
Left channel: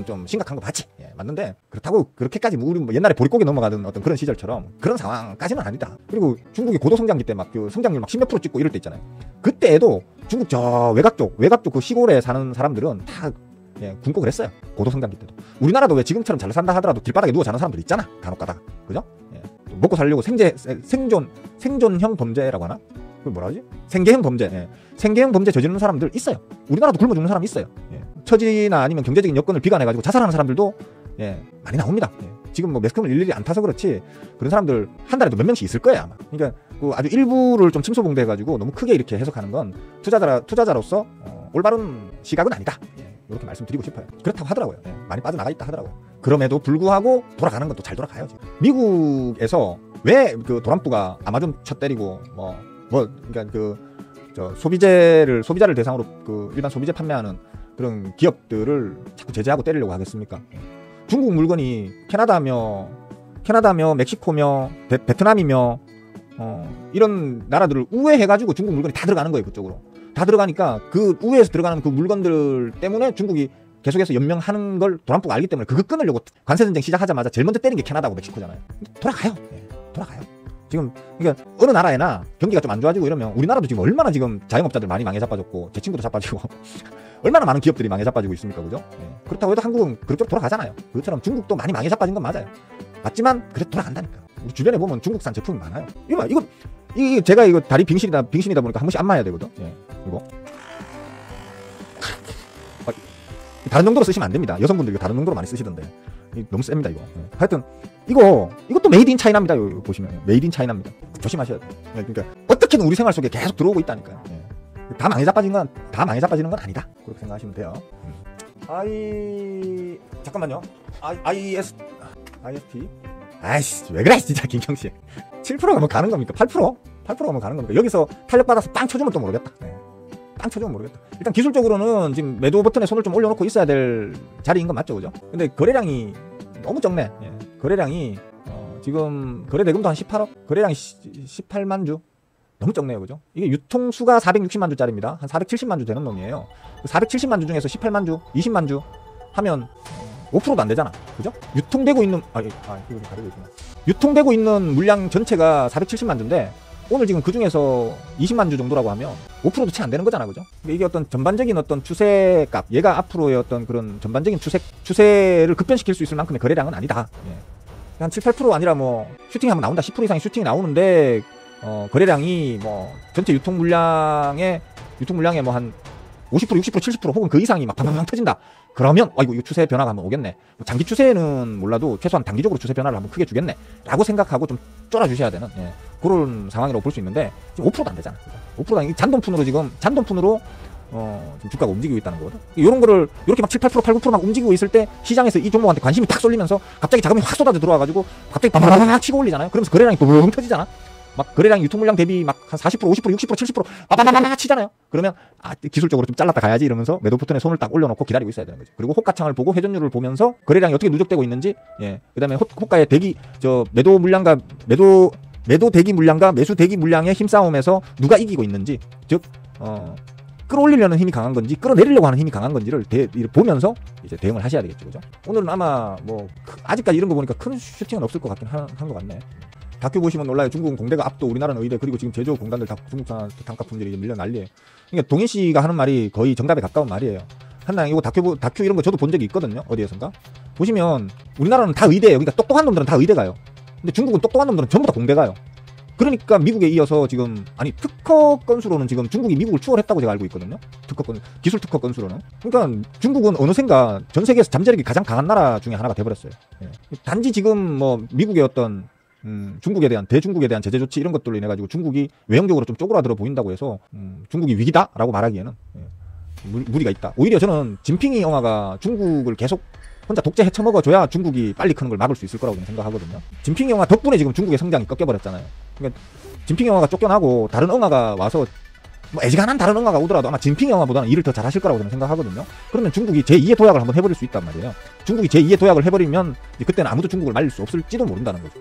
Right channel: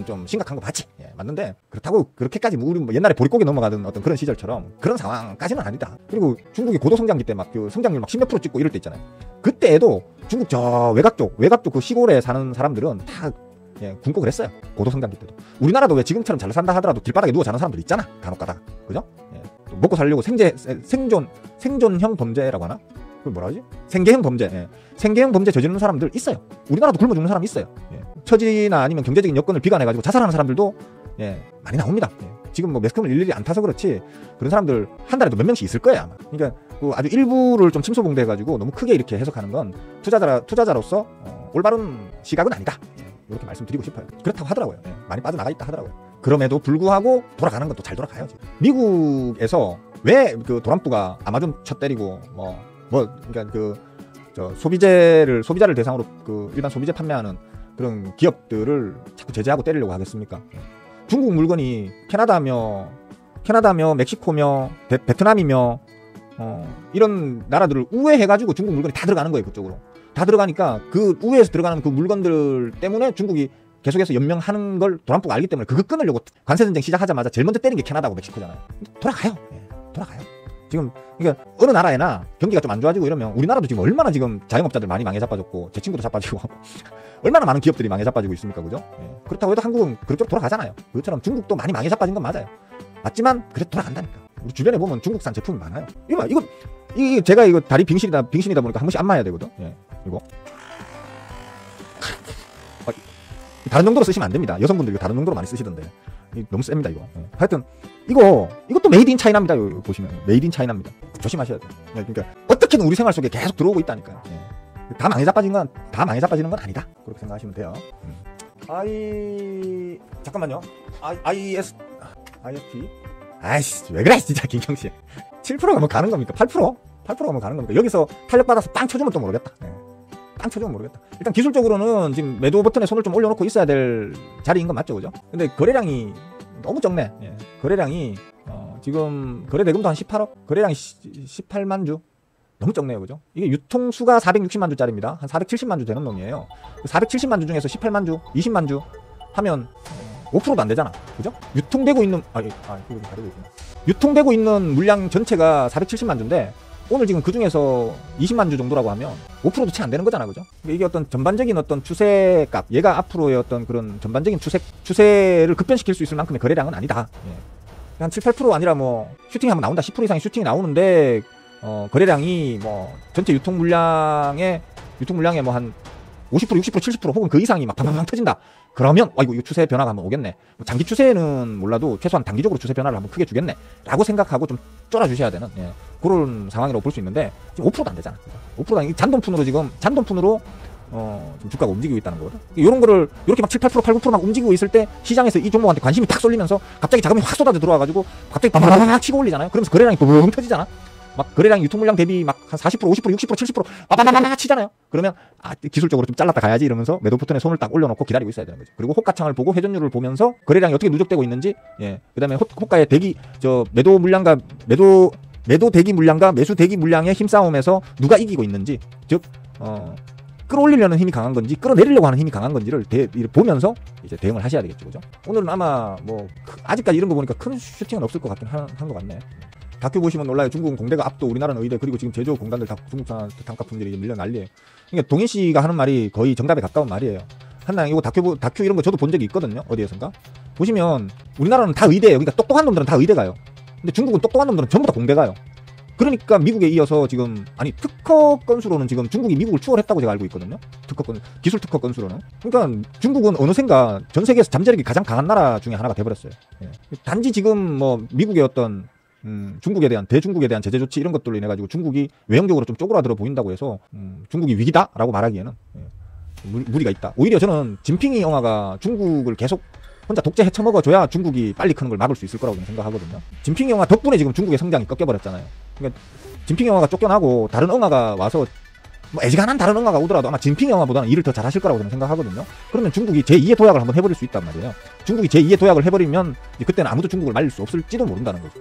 좀 심각한 거 맞지. 맞는데 그렇다고 그렇게까지 우리 뭐 옛날에 보릿고개 넘어가던 어떤 그런 시절처럼 그런 상황까지는 아니다. 그리고 중국이 고도 성장기 때 막 그 성장률 막 10몇 % 찍고 이럴 때 있잖아요. 그때에도 중국 저 외곽 쪽 그 시골에 사는 사람들은 다 굶고 그랬어요. 고도 성장기 때도. 우리나라도 왜 지금처럼 잘 산다 하더라도 길바닥에 누워 자는 사람들 있잖아. 간혹 가다가. 그죠? 먹고 살려고 생존형 범죄라고 하나? 그걸 뭐라 하지? 생계형 범죄. 생계형 범죄 저지르는 사람들 있어요. 우리나라도 굶어 죽는 사람 있어요. 처지나 아니면 경제적인 여건을 비관해가지고 자살하는 사람들도 많이 나옵니다. 지금 뭐 매스컴을 일일이 안 타서 그렇지 그런 사람들 한 달에도 몇 명씩 있을 거예요 아마. 그러니까 그 아주 일부를 좀 침소봉대해가지고 너무 크게 이렇게 해석하는 건 투자자로서 올바른 시각은 아니다. 이렇게 말씀드리고 싶어요. 그렇다고 하더라고요. 많이 빠져나가 있다 하더라고요. 그럼에도 불구하고 돌아가는 것도 잘 돌아가요. 미국에서 왜 그 도란프가 아마존 쳐 때리고 그러니까 소비자를 대상으로 그 일반 소비재 판매하는 그런 기업들을 자꾸 제재하고 때리려고 하겠습니까? 중국 물건이 캐나다며 멕시코며 베트남이며 이런 나라들을 우회해가지고 중국 물건이 다 들어가는 거예요. 그쪽으로 다 들어가니까 그 우회에서 들어가는 그 물건들 때문에 중국이 계속해서 연명하는 걸 도란프가 알기 때문에 그거 끊으려고 관세전쟁 시작하자마자 제일 먼저 때린 게 캐나다고 멕시코잖아요. 돌아가요. 지금 그러니까 어느 나라에나 경기가 좀 안 좋아지고 이러면 우리나라도 지금 얼마나 지금 자영업자들 많이 망해 자빠졌고 제 친구도 자빠지고 얼마나 많은 기업들이 망해 자빠지고 있습니까, 그죠? 그렇다고 해도 한국은 그쪽으로 돌아가잖아요. 그렇처럼 중국도 많이 망해 자빠진 건 맞아요. 맞지만 그래도 돌아간다니까. 우리 주변에 보면 중국산 제품이 많아요. 이거 제가 이거 다리 빙신이다 보니까 한 번씩 안 마야 되거든. 이거 다른 정도로 쓰시면 안 됩니다. 여성분들 다른 정도로 많이 쓰시던데 너무 셉니다 이거. 하여튼 이것도 메이드 인 차이나입니다. 여기 보시면 메이드 인 차이나입니다. 조심하셔야 돼요. 그러니까 어떻게든 우리 생활 속에 계속 들어오고 있다니까요. 다 망해 자빠지는 건 아니다. 그렇게 생각하시면 돼요. 잠깐만요. IST 아이씨 왜 그래 진짜 김경씨. 7%가 뭐 가는 겁니까? 8%가 뭐 가는 겁니까? 여기서 탄력받아서 빵 쳐주면 또 모르겠다. 일단 기술적으로는 지금 매도 버튼에 손을 좀 올려놓고 있어야 될 자리인 건 맞죠, 그죠? 근데 거래량이 너무 적네. 거래량이 지금 거래 대금도 한 18억, 거래량이 18만 주. 너무 적네요, 그죠? 이게 유통수가 460만 주짜리입니다. 한 470만 주 되는 놈이에요. 470만 주 중에서 18만 주, 20만 주 하면 5%도 안 되잖아, 그죠? 유통되고 있는 물량 전체가 470만 주인데 오늘 지금 그 중에서 20만 주 정도라고 하면 5%도 채 안 되는 거잖아요, 그죠? 이게 어떤 전반적인 어떤 추세값, 얘가 앞으로의 어떤 그런 전반적인 추세를 급변시킬 수 있을 만큼의 거래량은 아니다. 한 7, 8% 아니라 뭐 슈팅이 한번 나온다, 10% 이상의 슈팅이 나오는데 거래량이 뭐 전체 유통 물량의 뭐 한 50%, 60%, 70% 혹은 그 이상이 막 팡팡 터진다. 그러면 이거 추세 변화가 한번 오겠네. 장기 추세는 몰라도 최소한 단기적으로 추세 변화를 한번 크게 주겠네 라고 생각하고 좀 쫄아주셔야 되는 그런 상황이라고 볼 수 있는데 지금 5%도 안 되잖아. 5%가 잔돈푼으로 주가가 움직이고 있다는 거거든. 이런 거를 이렇게 막 7, 8%, 8, 9% 막 움직이고 있을 때 시장에서 이 종목한테 관심이 탁 쏠리면서 갑자기 자금이 확 쏟아져 들어와가지고 갑자기 바바바바 치고 올리잖아요. 그러면서 거래량이 붕 터지잖아. 막 거래량 유통 물량 대비 막 한 40%, 50%, 60%, 70% 바바바바 치잖아요. 그러면 기술적으로 좀 잘랐다 가야지 이러면서 매도 버튼에 손을 딱 올려놓고 기다리고 있어야 되는 거죠. 그리고 호가창을 보고 회전율을 보면서 거래량이 어떻게 누적되고 있는지, 그다음에 호가의 매도 대기 물량과 매수 대기 물량의 힘싸움에서 누가 이기고 있는지, 즉 끌어올리려는 힘이 강한 건지 끌어내리려고 하는 힘이 강한 건지를 보면서 대응을 하셔야 되겠죠, 그죠? 오늘은 아마 아직까지 이런 거 보니까 큰 슈팅은 없을 것 같긴 한 것 같네. 다큐 보시면 놀라요. 중국은 공대가 압도, 우리나라는 의대, 그리고 지금 제조 공단을 다 중국산 기탄가품들이 밀려 난리예요. 그러니까 동일 씨가 하는 말이 거의 정답에 가까운 말이에요. 한나 이거 다큐 이런 거 저도 본 적이 있거든요. 어디에선가 보시면 우리나라는 다 의대예요. 그러니까 똑똑한 놈들은 다 의대 가요. 근데 중국은 똑똑한 놈들은 전부 다 공대 가요. 그러니까 미국에 이어서 지금 특허 건수로는 지금 중국이 미국을 추월했다고 제가 알고 있거든요. 기술 특허 건수로는. 그러니까 중국은 어느샌가 전 세계에서 잠재력이 가장 강한 나라 중에 하나가 돼버렸어요. 단지 지금 뭐 미국의 어떤 대중국에 대한 제재 조치 이런 것들로 인해 가지고 중국이 외형적으로 좀 쪼그라들어 보인다고 해서 중국이 위기다라고 말하기에는 무리가 있다. 오히려 저는 진핑이 영화가 중국을 계속 혼자 독재 헤쳐먹어줘야 중국이 빨리 크는 걸 막을 수 있을 거라고 생각하거든요. 진핑 영화 덕분에 지금 중국의 성장이 꺾여버렸잖아요. 그러니까 진핑 영화가 쫓겨나고 다른 영화가 와서 애지간한 다른 영화가 오더라도 아마 진핑 영화보다는 일을 더 잘하실 거라고 저는 생각하거든요. 그러면 중국이 제2의 도약을 한번 해버릴 수 있단 말이에요. 중국이 제2의 도약을 해버리면 그때는 아무도 중국을 말릴 수 없을지도 모른다는 거죠.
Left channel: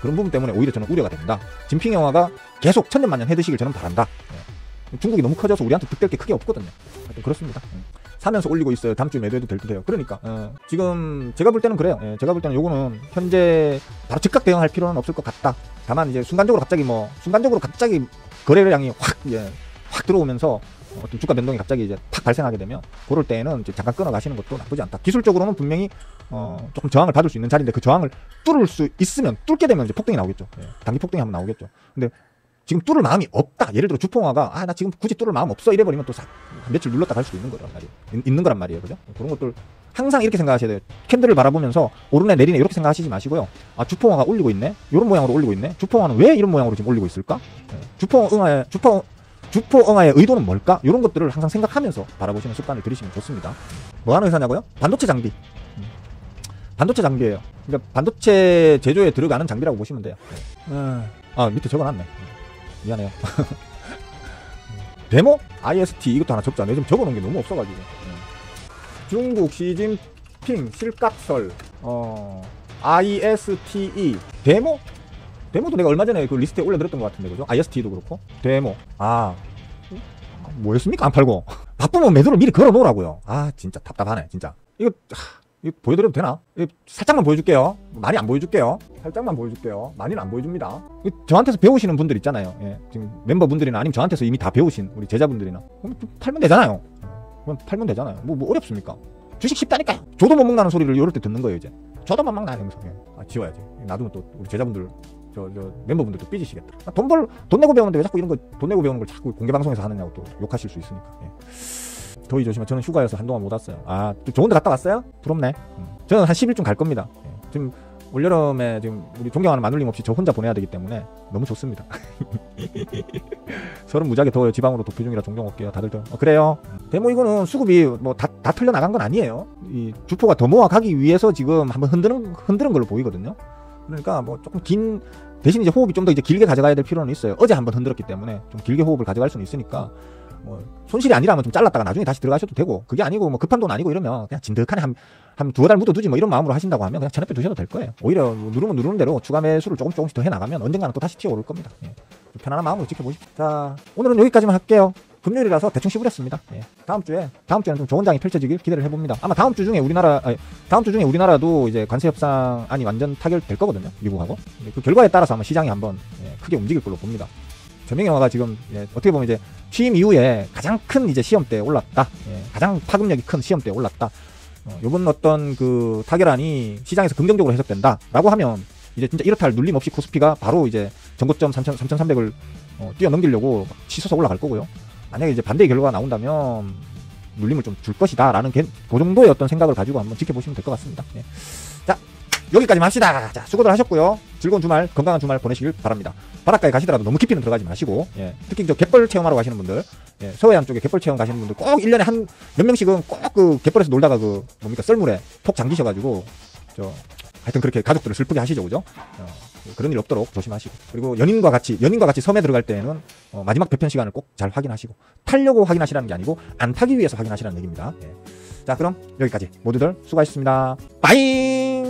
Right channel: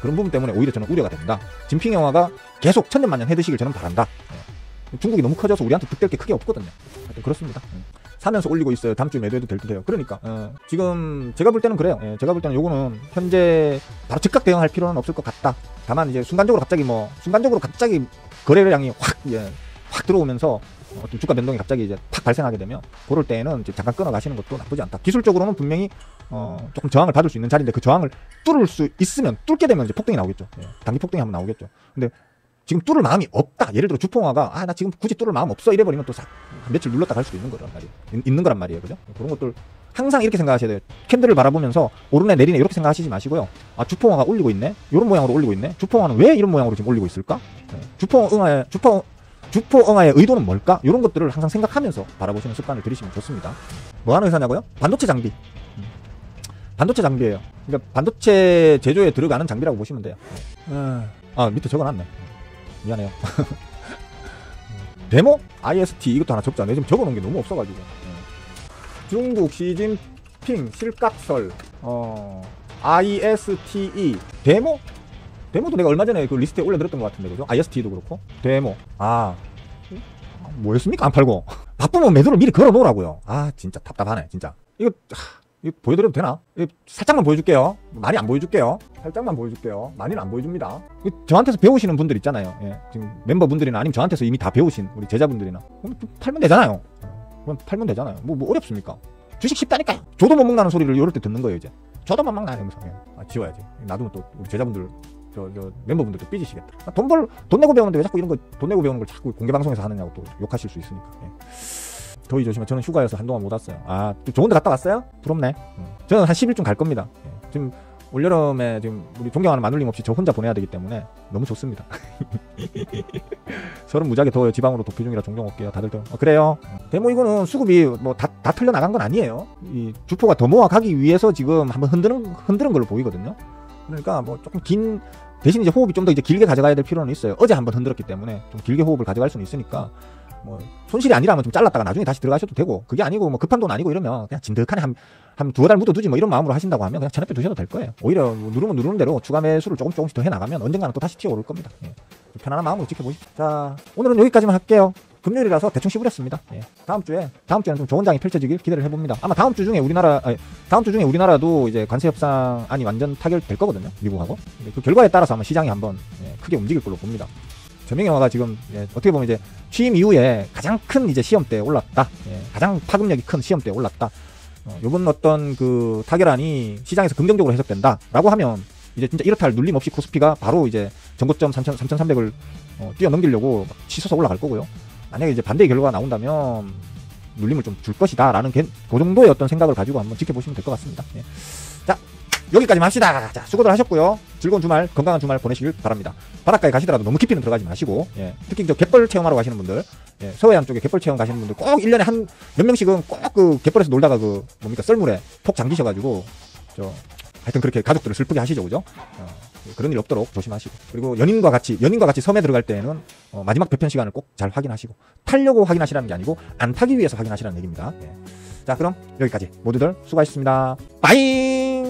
그런 부분 때문에 오히려 저는 우려가 됩니다. 진핑 영화가 계속 천년만년 해드시길 저는 바란다. 중국이 너무 커져서 우리한테 득될 게 크게 없거든요. 그렇습니다. 사면서 올리고 있어요. 다음 주에 매도해도 될 듯해요. 그러니까 지금 제가 볼 때는 그래요. 제가 볼 때는 요거는 현재 바로 즉각 대응할 필요는 없을 것 같다. 다만 이제 순간적으로 갑자기 거래량이 확 들어오면서 어떤 주가 변동이 갑자기 이제 탁 발생하게 되면 그럴 때에는 이제 잠깐 끊어가시는 것도 나쁘지 않다. 기술적으로는 분명히 조금 저항을 받을 수 있는 자리인데 그 저항을 뚫을 수 있으면 뚫게 되면 이제 폭등이 나오겠죠. 단기 폭등이 한번 나오겠죠. 근데 지금 뚫을 마음이 없다. 예를 들어 주포가 나 지금 굳이 뚫을 마음 없어 이래버리면 또 며칠 눌렀다 갈 수도 있는 거죠. 있는 거란 말이에요. 그죠? 그런 것들 항상 이렇게 생각하셔야 돼요. 캔들을 바라보면서 오르네 내리네 이렇게 생각하시지 마시고요. 주포화가 올리고 있네. 이런 모양으로 올리고 있네. 주포화는 왜 이런 모양으로 지금 올리고 있을까? 주포 응화의 의도는 뭘까? 이런 것들을 항상 생각하면서 바라보시는 습관을 들이시면 좋습니다. 뭐 하는 회사냐고요? 반도체 장비. 반도체 장비예요. 반도체 제조에 들어가는 장비라고 보시면 돼요. 밑에 적어놨네. 미안해요. 데모? IST 이것도 하나 적지 않아요. 지금 적어놓은 게 너무 없어가지고. 중국 시진핑 실각설 ISTE 데모? 데모도 내가 얼마 전에 그 리스트에 올려드렸던 것 같은데, 그죠? IST도 그렇고. 데모. 뭐 했습니까? 안 팔고. 바쁘면 매도를 미리 걸어 놓으라고요. 진짜 답답하네, 진짜. 이거 보여드려도 되나? 살짝만 보여줄게요. 많이 안 보여줄게요. 살짝만 보여줄게요. 많이는 안 보여줍니다. 저한테서 배우시는 분들 있잖아요. 지금 멤버분들이나 아니면 저한테서 이미 다 배우신 우리 제자분들이나. 팔면 되잖아요. 팔면 되잖아요. 뭐 어렵습니까? 주식 쉽다니까요. 저도 못 먹나는 소리를 이럴 때 듣는 거예요, 이제. 저도 못 먹나 하면서. 지워야지. 나중에 또 우리 제자분들, 저 멤버분들도 삐지시겠다. 돈 내고 배우는데 왜 자꾸 이런 거, 돈 내고 배우는 걸 자꾸 공개방송에서 하느냐고 또 욕하실 수 있으니까. 더위 조심해. 저는 휴가여서 한동안 못 왔어요. 좋은 데 갔다 왔어요? 부럽네. 제가 한 10일쯤 갈 겁니다. 지금 올여름에 지금 우리 존경하는 마눌님 없이 저 혼자 보내야 되기 때문에 너무 좋습니다. 서른 무지하게 더워요. 지방으로 도피 중이라 존경 올게요. 다들 그래요. 데모 이거는 수급이 뭐 다 털려나간 건 아니에요. 이 주포가 더 모아가기 위해서 지금 한번 흔드는 걸로 보이거든요. 그러니까 뭐 조금 대신 이제 호흡이 좀 더 이제 길게 가져가야 될 필요는 있어요. 어제 한번 흔들었기 때문에 좀 길게 호흡을 가져갈 수는 있으니까 뭐 손실이 아니라면 좀 잘랐다가 나중에 다시 들어가셔도 되고, 그게 아니고 뭐 급한 돈 아니고 이러면 그냥 진득하게 한 두어 달 묻어두지 뭐 이런 마음으로 하신다고 하면 그냥 저녁에 두셔도 될 거예요. 오히려 누르는 대로 추가 매수를 조금씩 더 해나가면 언젠가는 또 다시 튀어오를 겁니다. 편안한 마음으로 지켜보십시오. 자, 오늘은 여기까지만 할게요. 금요일이라서 대충 씹으렸습니다. 다음 주에는 좀 좋은 장이 펼쳐지길 기대를 해봅니다. 아마 다음 주 중에 우리나라도 이제 관세 협상안이 완전 타결될 거거든요. 미국하고. 근데 그 결과에 따라서 아마 시장이 한번 크게 움직일 걸로 봅니다. 전민기 영화가 지금 어떻게 보면 이제 취임 이후에 가장 큰 이제 시험대에 올랐다. 가장 파급력이 큰 시험대에 올랐다. 이번 어떤 그 타결안이 시장에서 긍정적으로 해석된다 라고 하면 이제 진짜 이렇다 할 눌림 없이 코스피가 바로 이제 전고점 3,300을 뛰어넘기려고 치솟아 올라갈 거고요. 만약에 이제 반대의 결과가 나온다면 눌림을 좀 줄 것이다 라는 게 그 정도의 어떤 생각을 가지고 한번 지켜보시면 될 것 같습니다. 자, 여기까지만 합시다. 자, 수고들 하셨고요. 즐거운 주말, 건강한 주말 보내시길 바랍니다. 바닷가에 가시더라도 너무 깊이는 들어가지 마시고, 특히 저 갯벌 체험하러 가시는 분들, 서해안 쪽에 갯벌 체험 가시는 분들 꼭 1년에 몇 명씩은 꼭 그 갯벌에서 놀다가 썰물에 폭 잠기셔가지고, 하여튼 그렇게 가족들을 슬프게 하시죠, 그죠? 그런 일 없도록 조심하시고. 그리고 연인과 같이 섬에 들어갈 때는 마지막 배편 시간을 꼭 잘 확인하시고, 타려고 확인하시라는 게 아니고 안 타기 위해서 확인하시라는 얘기입니다. 자, 그럼 여기까지 모두들 수고하셨습니다. 빠잉!